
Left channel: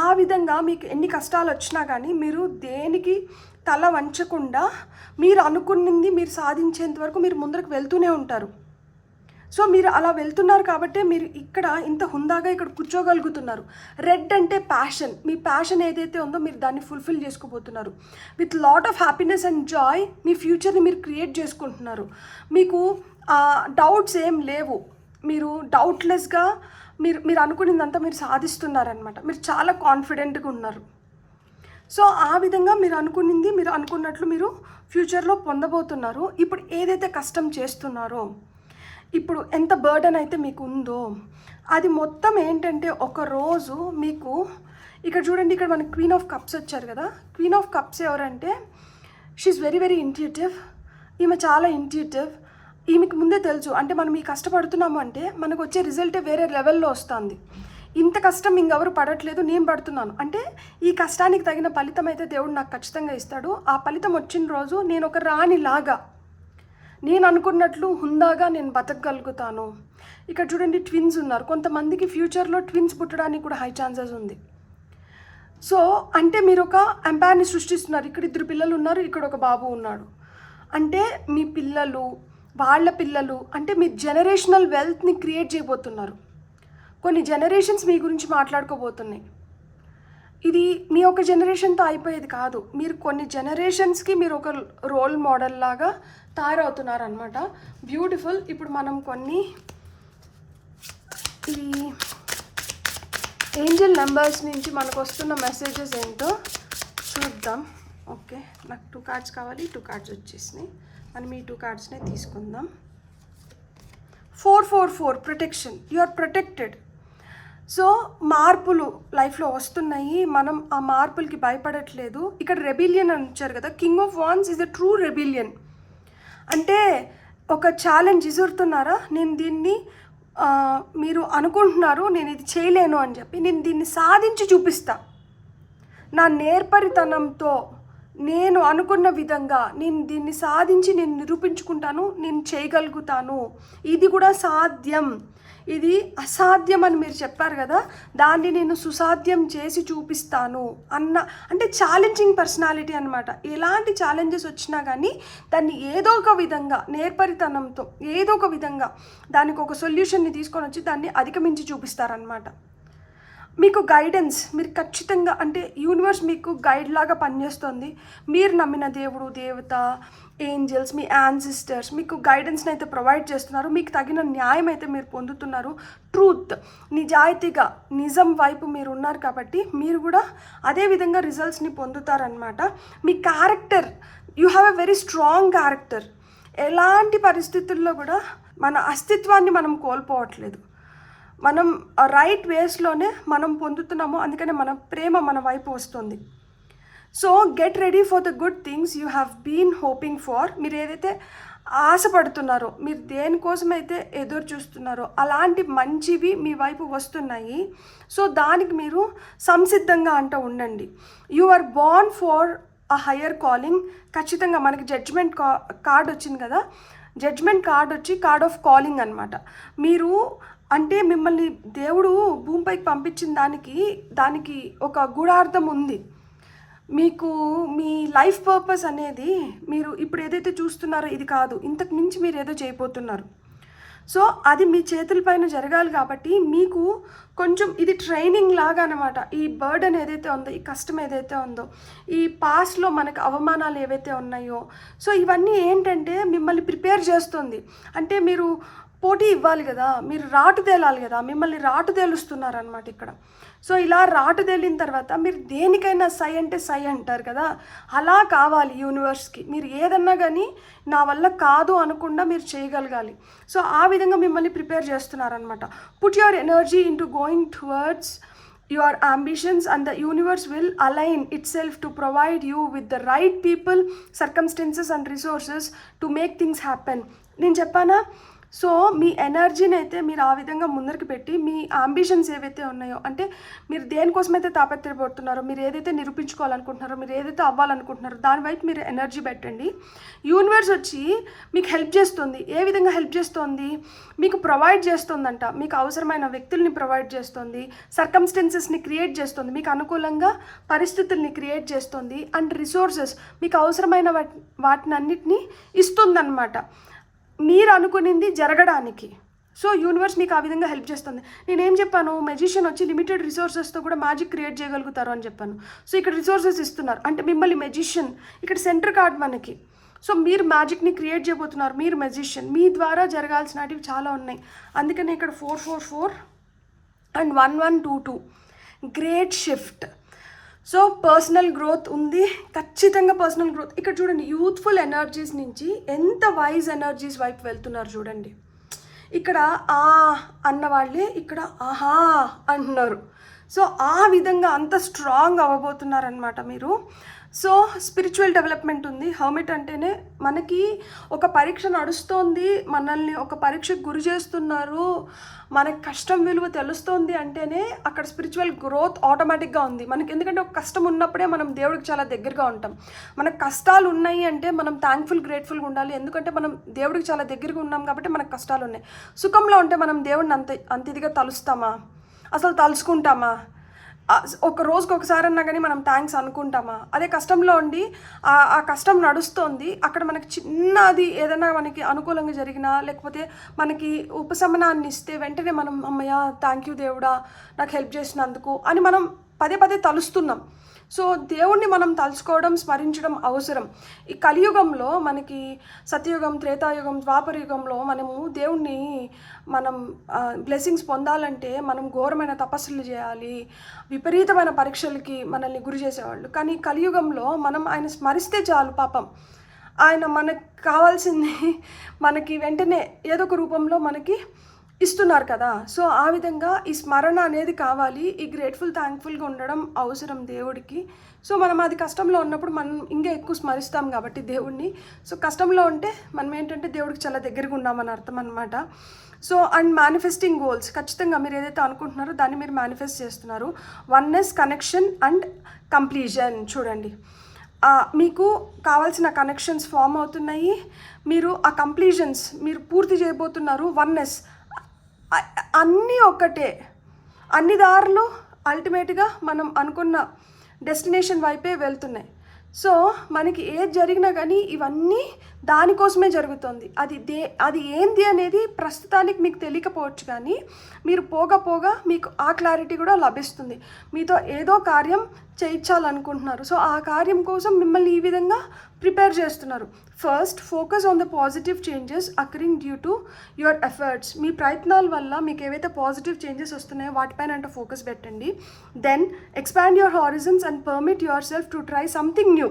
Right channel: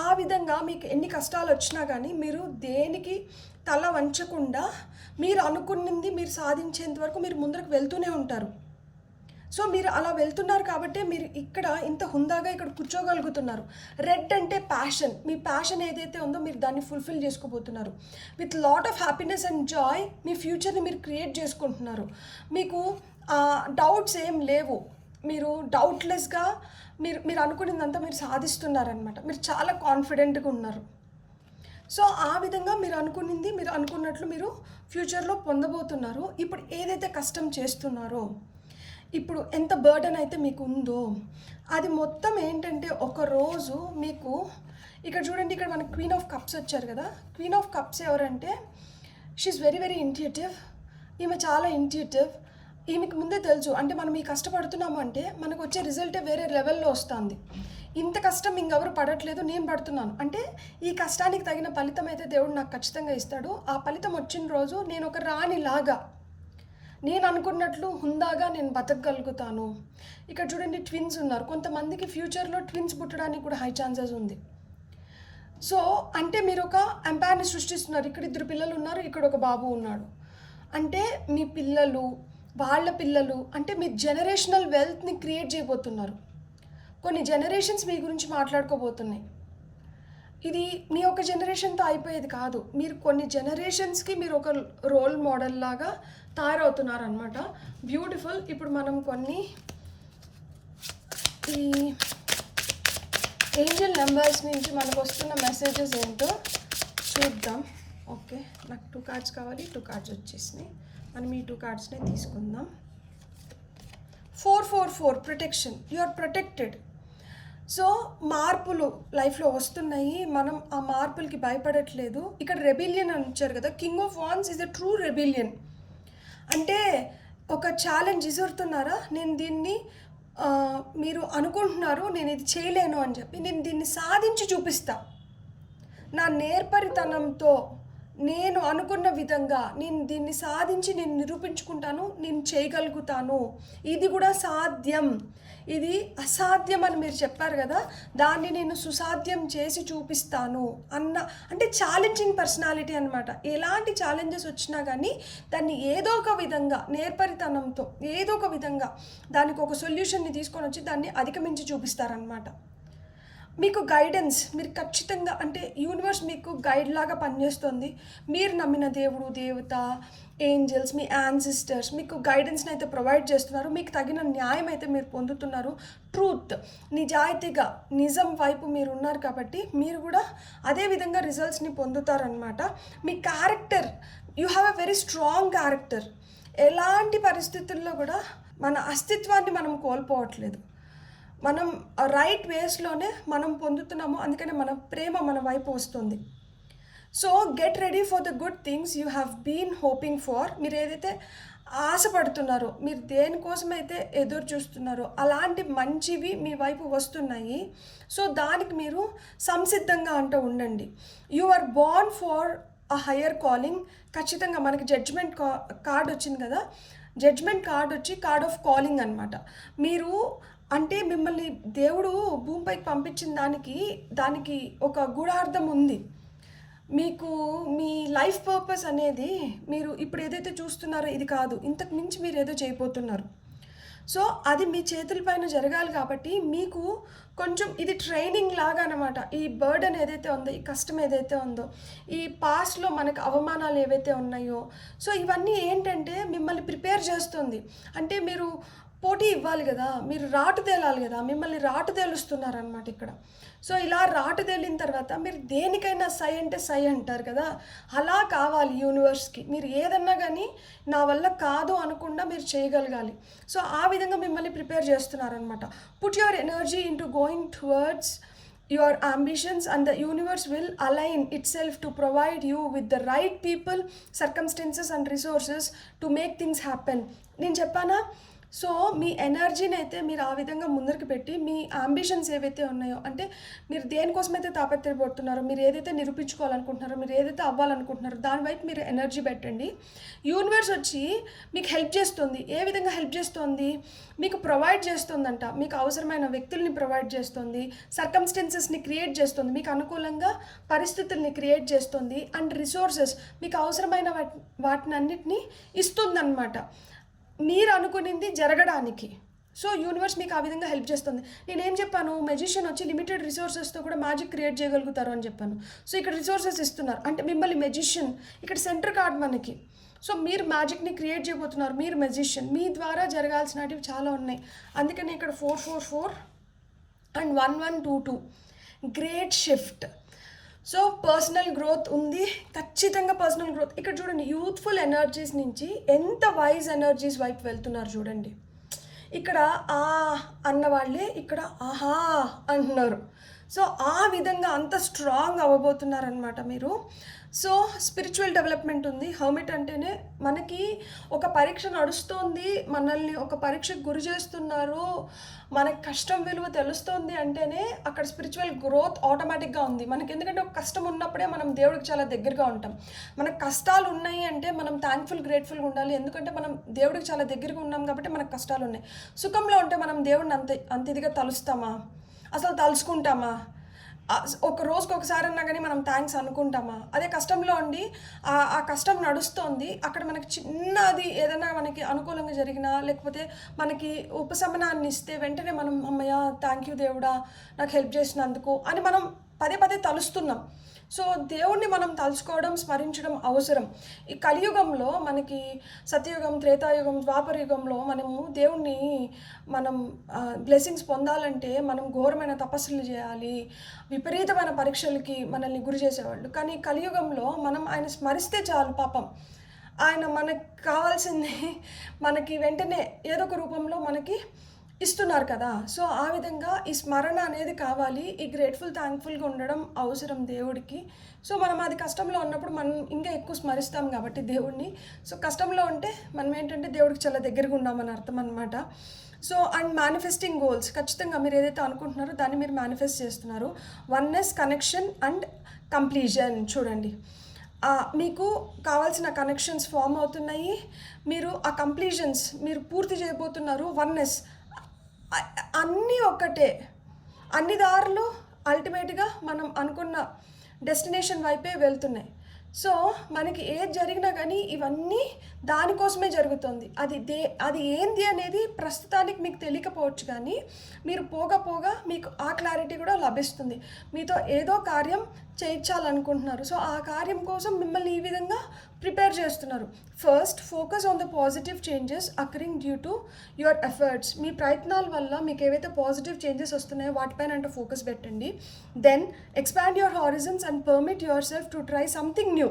ఆ విధంగా మీకు ఎన్ని కష్టాలు వచ్చినా కానీ మీరు దేనికి తల వంచకుండా మీరు అనుకున్నది మీరు సాధించేంత వరకు మీరు ముందరకు వెళ్తూనే ఉంటారు. సో మీరు అలా వెళ్తున్నారు కాబట్టి మీరు ఇక్కడ ఇంత హుందాగా ఇక్కడ కూర్చోగలుగుతున్నారు. రెడ్ అంటే ప్యాషన్. మీ ప్యాషన్ ఏదైతే ఉందో మీరు దాన్ని ఫుల్ఫిల్ చేసుకోబోతున్నారు. With lot of happiness and joy మీ ఫ్యూచర్ని మీరు క్రియేట్ చేసుకుంటున్నారు. మీకు డౌట్స్ ఏం లేవు. మీరు డౌట్లెస్గా మీరు అనుకున్నదంతా మీరు సాధిస్తున్నారనమాట. మీరు చాలా కాన్ఫిడెంట్గా ఉన్నారు. సో ఆ విధంగా మీరు అనుకున్నట్లు మీరు ఫ్యూచర్లో పొందబోతున్నారు. ఇప్పుడు ఏదైతే కష్టం చేస్తున్నారో, ఇప్పుడు ఎంత బర్డన్ అయితే మీకు ఉందో అది మొత్తం ఏంటంటే ఒకరోజు మీకు ఇక్కడ చూడండి, ఇక్కడ మనకి క్వీన్ ఆఫ్ కప్స్ వచ్చారు కదా. క్వీన్ ఆఫ్ కప్స్ ఎవరంటే షీఈస్ వెరీ వెరీ ఇంట్యూటివ్. ఈమె చాలా ఇంట్యూటివ్. ఈమెకి ముందే తెలుసు, అంటే మనం ఈ కష్టపడుతున్నాము అంటే మనకు వచ్చే రిజల్టే వేరే లెవెల్లో వస్తుంది. ఇంత కష్టం ఇంకెవరు పడట్లేదు, నేను పడుతున్నాను అంటే ఈ కష్టానికి తగిన ఫలితం అయితే దేవుడు నాకు ఖచ్చితంగా ఇస్తాడు. ఆ ఫలితం వచ్చిన రోజు నేను ఒక రాణిలాగా నేను అనుకున్నట్లు హుందాగా నేను బతకగలుగుతాను. ఇక్కడ చూడండి, ట్విన్స్ ఉన్నారు. కొంతమందికి ఫ్యూచర్లో ట్విన్స్ పుట్టడానికి కూడా హై ఛాన్సెస్ ఉంది. సో అంటే మీరు ఒక ఎంపైర్ని సృష్టిస్తున్నారు. ఇక్కడ 2 పిల్లలు ఉన్నారు, ఇక్కడ ఒక బాబు ఉన్నాడు. అంటే మీ పిల్లలు, వాళ్ళ పిల్లలు, అంటే మీ జనరేషనల్ వెల్త్ని క్రియేట్ చేయబోతున్నారు. కొన్ని జనరేషన్స్ మీ గురించి మాట్లాడుకోబోతున్నాయి. ఇది మీ ఒక జనరేషన్తో అయిపోయేది కాదు. మీరు కొన్ని జనరేషన్స్కి మీరు ఒక రోల్ మోడల్ లాగా తయారవుతున్నారు అనమాట. బ్యూటిఫుల్. ఇప్పుడు మనం కొన్ని ఈ ఏంజల్ నెంబర్స్ నుంచి మనకు వస్తున్న మెసేజెస్ ఏంటో చూద్దాం. ఓకే, నాకు 2 కార్డ్స్ కావాలి. 2 కార్డ్స్ వచ్చేసినాయి. మనం ఈ 2 కార్డ్స్నే తీసుకుందాం. 444 protection. You are protected. So మార్పులు లైఫ్లో వస్తున్నాయి. మనం ఆ మార్పులకి భయపడట్లేదు. ఇక్కడ రెబిలియన్ అని వచ్చారు కదా. King of wands is a true rebellion. అంటే ఒక ఛాలెంజ్ ఇసురుతున్నారా, నేను దీన్ని మీరు అనుకుంటున్నారు నేను ఇది చేయలేను అని చెప్పి, నేను దీన్ని సాధించి చూపిస్తా. నా నేర్పరితనంతో నేను అనుకున్న విధంగా నేను దీన్ని సాధించి నేను నిరూపించుకుంటాను, నేను చేయగలుగుతాను, ఇది కూడా సాధ్యం, ఇది అసాధ్యం అని మీరు చెప్పారు కదా, దాన్ని నేను సుసాధ్యం చేసి చూపిస్తాను అంటే ఛాలెంజింగ్ పర్సనాలిటీ అనమాట. ఎలాంటి ఛాలెంజెస్ వచ్చినా కానీ దాన్ని ఏదో ఒక విధంగా నేర్పరితనంతో ఏదో ఒక విధంగా దానికి ఒక సొల్యూషన్ని తీసుకొని వచ్చి దాన్ని అధిగమించి చూపిస్తారనమాట. మీకు గైడెన్స్, మీరు ఖచ్చితంగా అంటే యూనివర్స్ మీకు గైడ్ లాగా పనిచేస్తుంది. మీరు నమ్మిన దేవుడు, దేవత, ఏంజల్స్, మీ యాన్సిస్టర్స్ మీకు గైడెన్స్ని అయితే ప్రొవైడ్ చేస్తున్నారు. మీకు తగిన న్యాయం అయితే మీరు పొందుతున్నారు. ట్రూత్, నిజాయితీగా నిజం వైపు మీరు ఉన్నారు కాబట్టి మీరు కూడా అదే విధంగా రిజల్ట్స్ని పొందుతారనమాట. మీ character, you have a very strong character. ఎలాంటి పరిస్థితుల్లో కూడా మన అస్తిత్వాన్ని మనం కోల్పోవట్లేదు. మనం రైట్ వేస్లోనే మనం పొందుతున్నాము. అందుకనే మన ప్రేమ మన వైపు వస్తుంది. So get ready for the good things you have been hoping for. మీరు ఏదైతే ఆశపడుతున్నారో, మీరు దేనికోసమైతే ఎదురు చూస్తున్నారో అలాంటి మంచివి మీ వైపు వస్తున్నాయి. సో దానికి మీరు సంసిద్ధంగా అంటూ ఉండండి. You are born for a higher calling. ఖచ్చితంగా మనకి జడ్జ్మెంట్ కార్డ్ వచ్చింది కదా. జడ్జ్మెంట్ కార్డ్ వచ్చి కార్డ్ ఆఫ్ కాలింగ్ అనమాట. మీరు అంటే మిమ్మల్ని దేవుడు భూమిపైకి పంపించిన దానికి ఒక గూఢార్థం ఉంది. మీకు మీ లైఫ్ పర్పస్ అనేది మీరు ఇప్పుడు ఏదైతే చూస్తున్నారో ఇది కాదు, ఇంతకు మించి మీరు ఏదో చేయబోతున్నారు. సో అది మీ చేతులపైన జరగాలి కాబట్టి మీకు కొంచెం ఇది ట్రైనింగ్ లాగా అనమాట. ఈ బర్డెన్ ఏదైతే ఉందో, ఈ కష్టం ఏదైతే ఉందో, ఈ పాస్ట్లో మనకు అవమానాలు ఏవైతే ఉన్నాయో, సో ఇవన్నీ ఏంటంటే మిమ్మల్ని ప్రిపేర్ చేస్తుంది. అంటే మీరు పోటీ ఇవ్వాలి కదా, మీరు రాటు తేలాలి కదా, మిమ్మల్ని రాటు తేలుస్తున్నారనమాట ఇక్కడ. సో ఇలా రాటు తేలిన తర్వాత మీరు దేనికైనా సై అంటే సై అంటారు కదా, అలా కావాలి యూనివర్స్కి. మీరు ఏదన్నా కానీ నా వల్ల కాదు అనకుండా మీరు చేయగలగాలి. సో ఆ విధంగా మిమ్మల్ని ప్రిపేర్ చేస్తున్నారనమాట. Put your energy into going towards your ambitions, and the universe will align itself to provide you with the right people, circumstances and resources to make things happen. నేను చెప్పానా? సో మీ ఎనర్జీని అయితే మీరు ఆ విధంగా ముందరికి పెట్టి మీ అంబిషన్స్ ఏవైతే ఉన్నాయో, అంటే మీరు దేనికోసమైతే తాపత్రయపడుతున్నారో, మీరు ఏదైతే నిరూపించుకోవాలనుకుంటున్నారో, మీరు ఏదైతే అవ్వాలనుకుంటున్నారో దాని వైపు మీరు ఎనర్జీ పెట్టండి. యూనివర్స్ వచ్చి మీకు హెల్ప్ చేస్తుంది. ఏ విధంగా హెల్ప్ చేస్తుంది? మీకు ప్రొవైడ్ చేస్తుందంట. మీకు అవసరమైన వ్యక్తుల్ని ప్రొవైడ్ చేస్తుంది, సర్కమ్స్టెన్సెస్ని క్రియేట్ చేస్తుంది, మీకు అనుకూలంగా పరిస్థితుల్ని క్రియేట్ చేస్తుంది, అండ్ రిసోర్సెస్ మీకు అవసరమైన వాటిని అన్నిటినీ ఇస్తుందన్నమాట మీరు అనుకునింది జరగడానికి. సో యూనివర్స్ మీకు ఆ విధంగా హెల్ప్ చేస్తుంది. నేనేం చెప్పాను? మెజిషియన్ వచ్చి లిమిటెడ్ రిసోర్సెస్తో కూడా మ్యాజిక్ క్రియేట్ చేయగలుగుతారు అని చెప్పాను. సో ఇక్కడ రిసోర్సెస్ ఇస్తున్నారు అంటే మిమ్మల్ని మెజిషియన్, ఇక్కడ సెంటర్ కార్డ్ మనకి. సో మీరు మ్యాజిక్ని క్రియేట్ చేయబోతున్నారు, మీరు మెజిషియన్. మీ ద్వారా జరగాల్సినవి చాలా ఉన్నాయి. అందుకని ఇక్కడ 444 and 1122 great shift. So personal growth ఉంది, ఖచ్చితంగా పర్సనల్ గ్రోత్. ఇక్కడ చూడండి, యూత్ఫుల్ ఎనర్జీస్ నుంచి ఎంత వైజ్ ఎనర్జీస్ వైపు వెళ్తున్నారు చూడండి. ఇక్కడ ఆ అన్న వాళ్ళే ఇక్కడ ఆహా అంటున్నారు. సో ఆ విధంగా అంత స్ట్రాంగ్ అవ్వబోతున్నారనమాట మీరు. సో స్పిరిచువల్ డెవలప్మెంట్ ఉంది. హర్మిట్ అంటేనే మనకి ఒక పరీక్ష నడుస్తోంది, మనల్ని ఒక పరీక్షకు గురి చేస్తున్నారు, మనకి కష్టం విలువ తెలుస్తుంది అంటేనే అక్కడ స్పిరిచువల్ గ్రోత్ ఆటోమేటిక్గా ఉంది మనకి. ఎందుకంటే ఒక కష్టం ఉన్నప్పుడే మనం దేవుడికి చాలా దగ్గరగా ఉంటాం. మనకు కష్టాలు ఉన్నాయి అంటే మనం థ్యాంక్ఫుల్, గ్రేట్ఫుల్గా ఉండాలి. ఎందుకంటే మనం దేవుడికి చాలా దగ్గరగా ఉన్నాం కాబట్టి మనకు కష్టాలు ఉన్నాయి. సుఖంలో ఉంటే మనం దేవుడిని అంత ఇదిగా తలుస్తామా? అసలు తలుసుకుంటామా? ఒక రోజుకి ఒకసారి అన్నా కానీ మనం థ్యాంక్స్ అనుకుంటామా? అదే కష్టంలో ఉండి ఆ కష్టం నడుస్తోంది, అక్కడ మనకి చిన్నది ఏదైనా మనకి అనుకూలంగా జరిగినా, లేకపోతే మనకి ఉపశమనాన్ని ఇస్తే వెంటనే మనం అమ్మయ్య థ్యాంక్ యూ దేవుడా నాకు హెల్ప్ చేసినందుకు అని మనం పదే పదే తలుస్తున్నాం. సో దేవుణ్ణి మనం తలుచుకోవడం, స్మరించడం అవసరం. ఈ కలియుగంలో మనకి సత్యయుగం, త్రేతాయుగం, ద్వాపరయుగంలో మనము దేవుణ్ణి మనం బ్లెస్సింగ్స్ పొందాలంటే మనం ఘోరమైన తపస్సులు చేయాలి, విపరీతమైన పరీక్షలకి మనల్ని గురి చేసేవాళ్ళు. కానీ కలియుగంలో మనం ఆయన స్మరిస్తే చాలు, పాపం ఆయన మనకు కావాల్సింది మనకి వెంటనే ఏదో ఒక రూపంలో మనకి ఇస్తున్నారు కదా. సో ఆ విధంగా ఈ స్మరణ అనేది కావాలి, ఈ గ్రేట్ఫుల్, థ్యాంక్ఫుల్గా ఉండడం అవసరం దేవుడికి. సో మనం అది కష్టంలో ఉన్నప్పుడు మనం ఇంకా ఎక్కువ స్మరిస్తాం కాబట్టి దేవుడిని. సో కష్టంలో ఉంటే మనం ఏంటంటే దేవుడికి చాలా దగ్గరగా ఉన్నామని అర్థం అనమాట. సో అండ్ మేనిఫెస్టింగ్ గోల్స్, ఖచ్చితంగా మీరు ఏదైతే అనుకుంటున్నారో దాన్ని మీరు మేనిఫెస్ట్ చేస్తున్నారు. Oneness, connection and completion. చూడండి, మీకు కావాల్సిన కనెక్షన్స్ ఫామ్ అవుతున్నాయి, మీరు ఆ కంప్లీషన్స్ మీరు పూర్తి చేయబోతున్నారు. వన్నెస్, అన్నీ ఒక్కటే, అన్ని దారులు అల్టిమేట్గా మనం అనుకున్న డెస్టినేషన్ వైపే వెళ్తున్నాయి. సో మనకి ఏది జరిగినా కానీ ఇవన్నీ దానికోసమే జరుగుతుంది. అది ఏంటి అనేది ప్రస్తుతానికి మీకు తెలియకపోవచ్చు, కానీ మీరు పోగా మీకు ఆ క్లారిటీ కూడా లభిస్తుంది. మీతో ఏదో కార్యం చేయించాలనుకుంటున్నారు. సో ఆ కార్యం కోసం మిమ్మల్ని ఈ విధంగా ప్రిపేర్ చేస్తున్నారు. First focus on the positive changes occurring due to your efforts. మీ ప్రయత్నాల వల్ల మీకు ఏవైతే పాజిటివ్ చేంజెస్ వస్తున్నాయో వాటిపైన అంటే ఫోకస్ పెట్టండి. Then expand your horizons and permit yourself to try something new.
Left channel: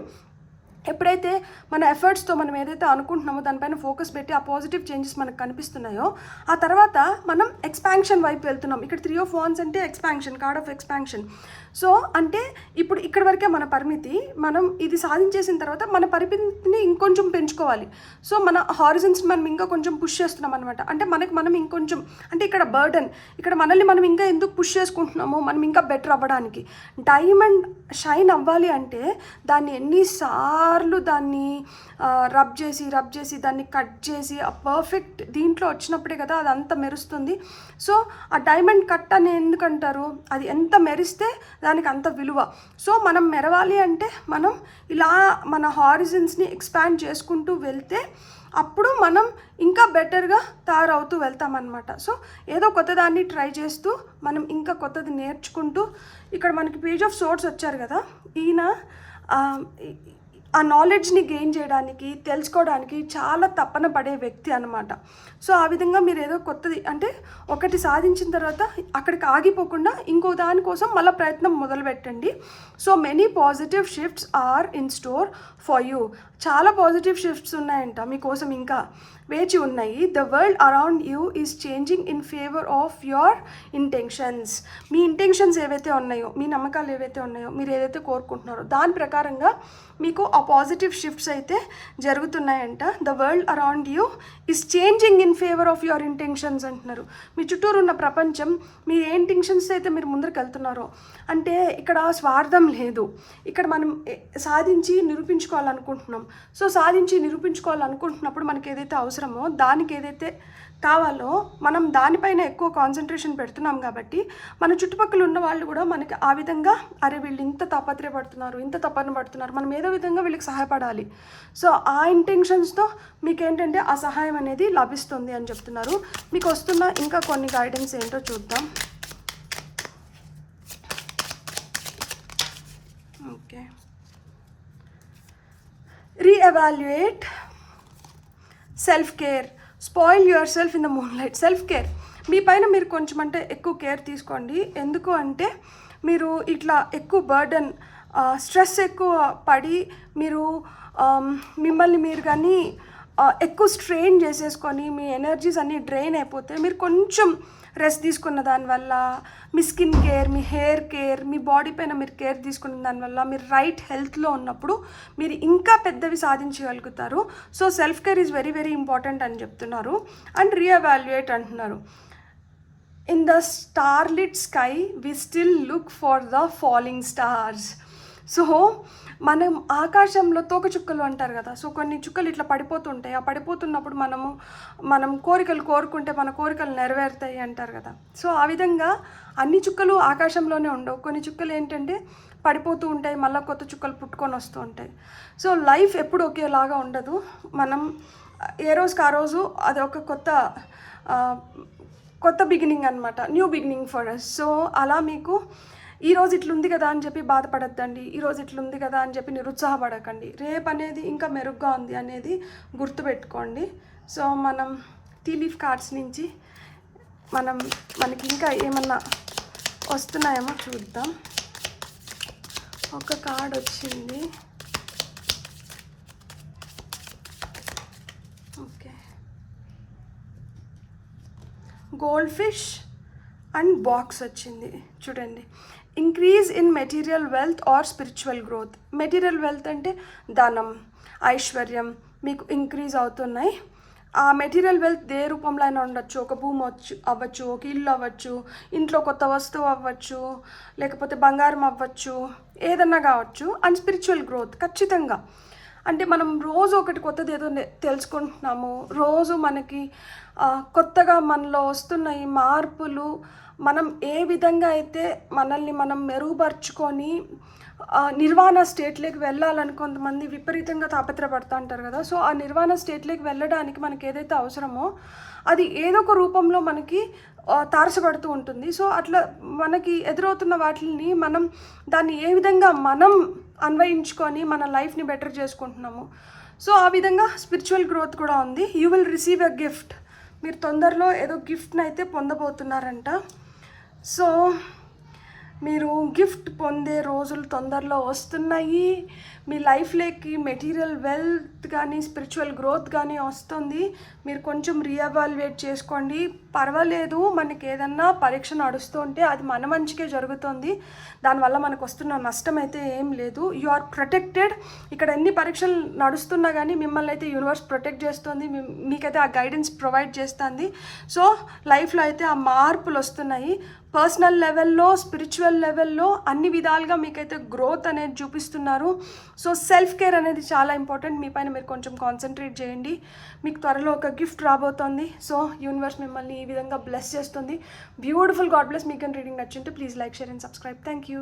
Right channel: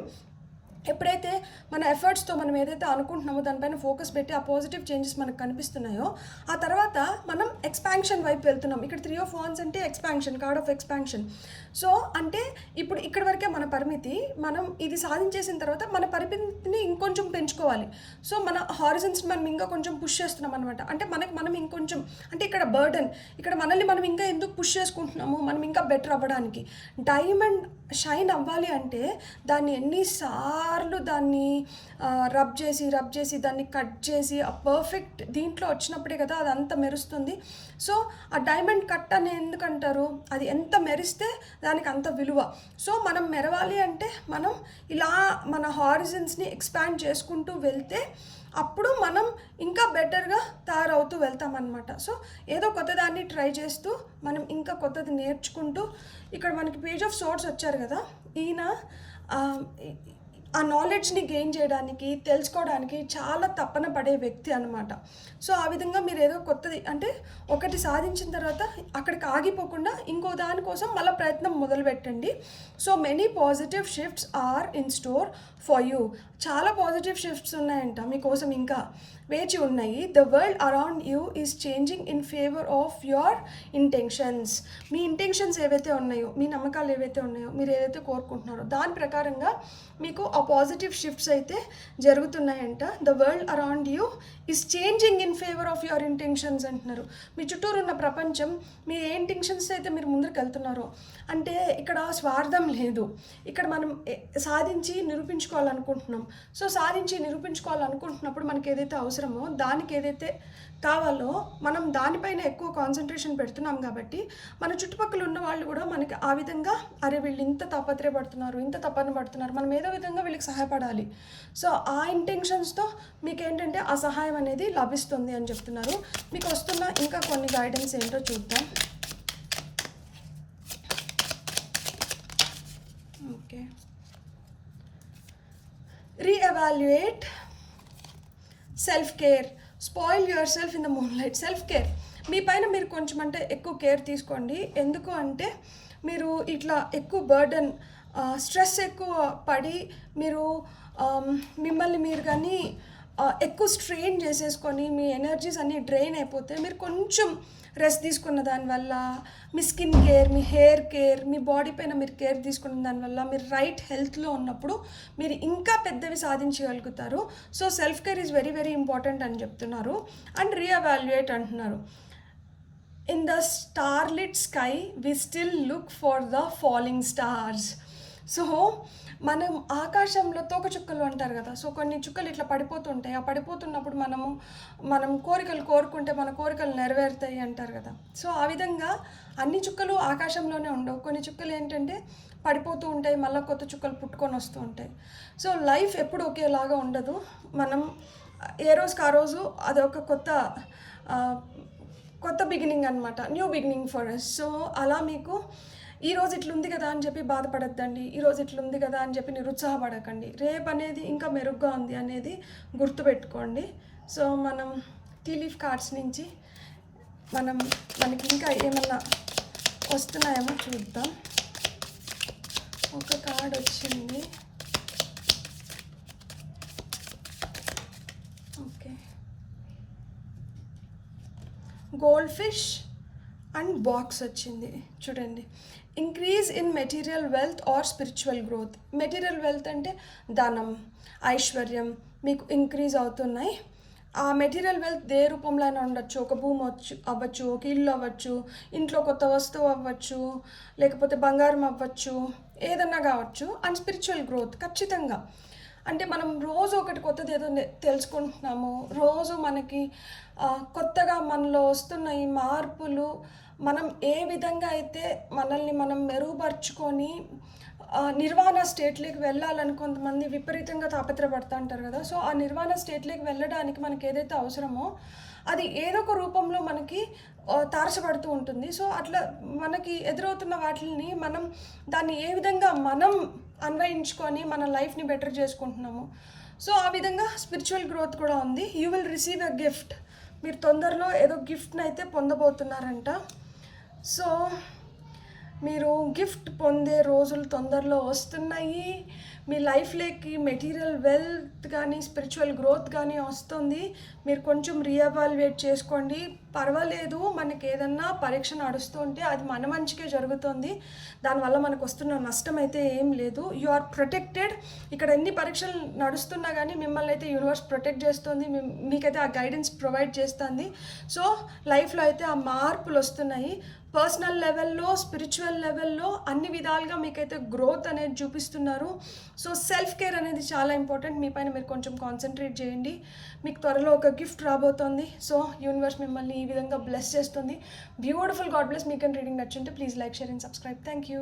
ఎప్పుడైతే మన ఎఫర్ట్స్తో మనం ఏదైతే అనుకుంటున్నామో దానిపైన ఫోకస్ పెట్టి ఆ పాజిటివ్ చేంజెస్ మనకు కనిపిస్తున్నాయో ఆ తర్వాత మనం ఎక్స్పాన్షన్ వైపు వెళ్తున్నాం. ఇక్కడ 3 of Wands అంటే expansion, card of expansion. So అంటే ఇప్పుడు ఇక్కడ వరకే మన పరిమితి, మనం ఇది సాధించేసిన తర్వాత మన పరిమితిని ఇంకొంచెం పెంచుకోవాలి. సో మన హారిజన్స్ మనం ఇంకా కొంచెం పుష్ చేస్తున్నాం అనమాట. అంటే మనం ఇంకొంచెం, అంటే ఇక్కడ బర్డన్, ఇక్కడ మనల్ని మనం ఇంకా ఎందుకు పుష్ చేసుకుంటున్నామో మనం ఇంకా బెటర్ అవ్వడానికి. డైమండ్ షైన్ అవ్వాలి అంటే దాన్ని ఎన్నిసార్లు దాన్ని రబ్ చేసి దాన్ని కట్ చేసి ఆ పర్ఫెక్ట్ దీంట్లో వచ్చినప్పుడే కదా అది అంత మెరుస్తుంది. సో ఆ డైమండ్ కట్ అని ఎందుకంటారు? అది ఎంత మెరిస్తే దానికి అంత విలువ. సో మనం మెరవాలి అంటే మనం ఇలా మన హారిజన్స్ని ఎక్స్పాండ్ చేసుకుంటూ వెళ్తే అప్పుడు మనం ఇంకా బెటర్గా తయారవుతూ వెళ్తామన్నమాట. సో ఏదో కొత్తదాన్ని ట్రై చేస్తూ మనం ఇంకా కొత్తది నేర్చుకుంటూ, ఇక్కడ మనకి పేజ్ ఆఫ్ సోర్స్ వచ్చారు కదా, ఈయన ఆ నాలెడ్జ్ని గెయిన్ చేయడానికి, తెలుసుకోవడానికి చాలా తపన పడే వ్యక్తి అనమాట. సో ఆ విధంగా మీరు ఏదో కొత్తది అంటే ఒకటి సాధించిన తర్వాత అక్కడికి ఆగిపోకుండా ఇంకో దానికోసం మళ్ళీ ప్రయత్నం మొదలుపెట్టండి. So many positive shifts are in store for you. చాలా పాజిటివ్ షిఫ్ట్స్ ఉన్నాయంట మీకోసం, ఇంకా వేచి ఉన్నాయి. The world around you is changing in favour of your intentions. మీ ఇంటెన్షన్స్ ఏవైతే ఉన్నాయో, మీ నమ్మకాలు ఏవైతే ఉన్నాయో, మీరు ఏదైతే కోరుకుంటున్నారో దాని ప్రకారంగా మీకు ఆ పాజిటివ్ షిఫ్ట్స్ అయితే జరుగుతున్నాయంట. The world around you is changing in favour of your intentions అంటున్నారు. మీ చుట్టూరు ఉన్న ప్రపంచం మీ ఏ ఇంటెన్షన్స్ అయితే మీరు ముందరికి వెళ్తున్నారో, అంటే ఇక్కడ స్వార్థం లేదు, ఇక్కడ మనం సాధించి నిరూపించుకోవాలనుకుంటున్నాం. సో సాధించి నిరూపించుకోవాలనుకుంటున్నప్పుడు మనకి ఏదైతే అవసరమో, దానికి ఏదైతే కావాలో మనం దానిపైన ఎక్కువ కాన్సన్ట్రేషన్ పెడుతున్నాం కాబట్టి మన చుట్టుపక్కల ఉన్న వాళ్ళు కూడా మనకి ఆ విధంగా, అరే వీళ్ళు ఇంత తాపత్రయపడుతున్నారు, ఇంత తపన పడుతున్నారు, మనం ఏదో విధంగా వీళ్ళకి సహాయపడాలి. సో ఆ ఇంటెన్షన్స్తో మీకు ఏంటంటే ఆ సహాయం అనేది లభిస్తుంది అని చెప్తున్నారు. మీకు వస్తున్న ఇంకా కొన్ని గైడెన్స్ ఏంటో చూద్దాం. Okay, reevaluate self care, spoil yourself in the moonlight. Self care, మీ పైన మీరు కొంచెం అంటే ఎక్కువ కేర్ తీసుకోండి. ఎందుకు అంటే మీరు ఇట్లా ఎక్కువ బర్డన్, స్ట్రెస్ ఎక్కువ పడి మీరు మిమ్మల్ని మీరు కానీ ఎక్కువ స్ట్రెయిన్ చేసేసుకొని మీ ఎనర్జీస్ అన్నీ డ్రైన్ అయిపోతే, మీరు కొంచెం రెస్ట్ తీసుకున్న దానివల్ల, మీ స్కిన్ కేర్, మీ హెయిర్ కేర్, మీ బాడీ పైన మీరు కేర్ తీసుకున్న దానివల్ల మీరు రైట్ హెల్త్లో ఉన్నప్పుడు మీరు ఇంకా పెద్దవి సాధించగలుగుతారు. So self care is very very important అని చెప్తున్నారు. అండ్ రీఎవాల్యుయేట్ అంటున్నారు. In the starlit sky we still look for the falling stars. So మనం ఆకాశంలో తోక చుక్కలు అంటారు కదా, సో కొన్ని చుక్కలు ఇట్లా పడిపోతుంటాయి. ఆ పడిపోతున్నప్పుడు మనం కోరికలు కోరుకుంటే మన కోరికలు నెరవేరుతాయి అంటారు కదా. సో ఆ విధంగా అన్ని చుక్కలు ఆకాశంలోనే ఉండవు. కొన్ని చుక్కలు ఏంటంటే పడిపోతూ ఉంటాయి, మళ్ళీ కొత్త చుక్కలు పుట్టుకొని వస్తూ ఉంటాయి. సో లైఫ్ ఎప్పుడు ఒకేలాగా ఉండదు. మనం ఏ రోజుకి ఆ రోజు అది ఒక కొత్త బిగినింగ్ అనమాట, new beginning for us. So అలా మీకు ఈరోజు ఇట్లుంది కదా అని చెప్పి బాధపడద్దండి, ఈరోజు ఇట్లుంది కదా అని చెప్పి నిరుత్సాహపడకండి. రేపు అనేది ఇంకా మెరుగ్గా ఉంది అనేది గుర్తుపెట్టుకోండి. సో మనం టీ లీఫ్ కార్డ్స్ నుంచి మనకి ఇంకా ఏమన్నా వస్తున్నాయేమో చూద్దాం. ఒక కార్డ్ వచ్చింది. Okay, goldfish and box వచ్చింది. చూడండి, increase in material wealth or spiritual growth. Material wealth అంటే ధనం, ఐశ్వర్యం మీకు ఇంక్రీజ్ అవుతున్నాయి. ఆ మెటీరియల్ వెల్త్ ఏ రూపంలో అయినా ఉండొచ్చు. ఒక భూమి అవ్వచ్చు, ఒక ఇల్లు అవ్వచ్చు, ఇంట్లో కొత్త వస్తువు అవ్వచ్చు, లేకపోతే బంగారం అవ్వచ్చు, ఏదన్నా కావచ్చు. అండ్ స్పిరిచువల్ గ్రోత్ ఖచ్చితంగా అంటే మనం రోజు ఒకటి కొత్తది ఏదో తెలుసుకుంటున్నాము. రోజు మనకి కొత్తగా మనలో వస్తున్న ఈ మార్పులు, మనం ఏ విధంగా అయితే మనల్ని మనం మెరుగుపరుచుకొని నిర్వాణ స్టేట్లోకి వెళ్ళాలని కొంతమంది విపరీతంగా తాపత్రపడుతూ ఉంటారు కదా. సో ఆ నిర్వాణ స్టేట్లోకి వెళ్ళడానికి మనకి ఏదైతే అవసరమో అది ఏదో ఒక రూపంలో మనకి తారసపడుతూ ఉంటుంది. సో అట్లా మనకి ఎదురవుతున్న వాటిని మనం దాన్ని ఏ విధంగా మనం అన్వయించుకొని మన లైఫ్ని బెటర్ చేసుకుంటున్నాము. సో ఆ విధంగా స్పిరిచువల్ గ్రోత్ కూడా ఉంది. You will receive a gift. మీరు తొందరలో ఏదో గిఫ్ట్ని అయితే పొందబోతున్నారంట. సో మీరు గిఫ్ట్ పొందే రోజులు తొందరలో వస్తున్నాయి. మీ లైఫ్లోకి మెటీరియల్ వెల్త్ కానీ స్పిరిచువల్ గ్రోత్ కానీ వస్తుంది. మీరు కొంచెం రీఎవాల్యుయేట్ చేసుకోండి. పర్వాలేదు, మనకి ఏదన్నా పరీక్ష నడుస్తూ ఉంటే అది మన మంచికే జరుగుతుంది. దానివల్ల మనకు వస్తున్న నష్టం అయితే ఏం లేదు. You are protected. ఇక్కడ ఎన్ని పరీక్షలు నడుస్తున్నా కానీ మిమ్మల్ని అయితే యూనివర్స్ ప్రొటెక్ట్ చేస్తుంది. మీకైతే ఆ గైడెన్స్ ప్రొవైడ్ చేస్తుంది. సో లైఫ్లో అయితే ఆ మార్పులు వస్తున్నాయి. పర్సనల్ లెవెల్లో, స్పిరిచువల్ లెవెల్లో అన్ని విధాలుగా మీకైతే గ్రోత్ అనేది చూపిస్తున్నారు. సో సెల్ఫ్ కేర్ అనేది చాలా ఇంపార్టెంట్. మీ పైన మీరు కొంచెం కాన్సన్ట్రేట్ చేయండి. మీకు త్వరలో ఒక గిఫ్ట్ రాబోతోంది. సో యూనివర్స్ మిమ్మల్ని ఈ విధంగా బ్లెస్ చేస్తుంది. బ్యూటిఫుల్. God bless. మీకు రీడింగ్ నచ్చింటే please like, share and subscribe. Thank you.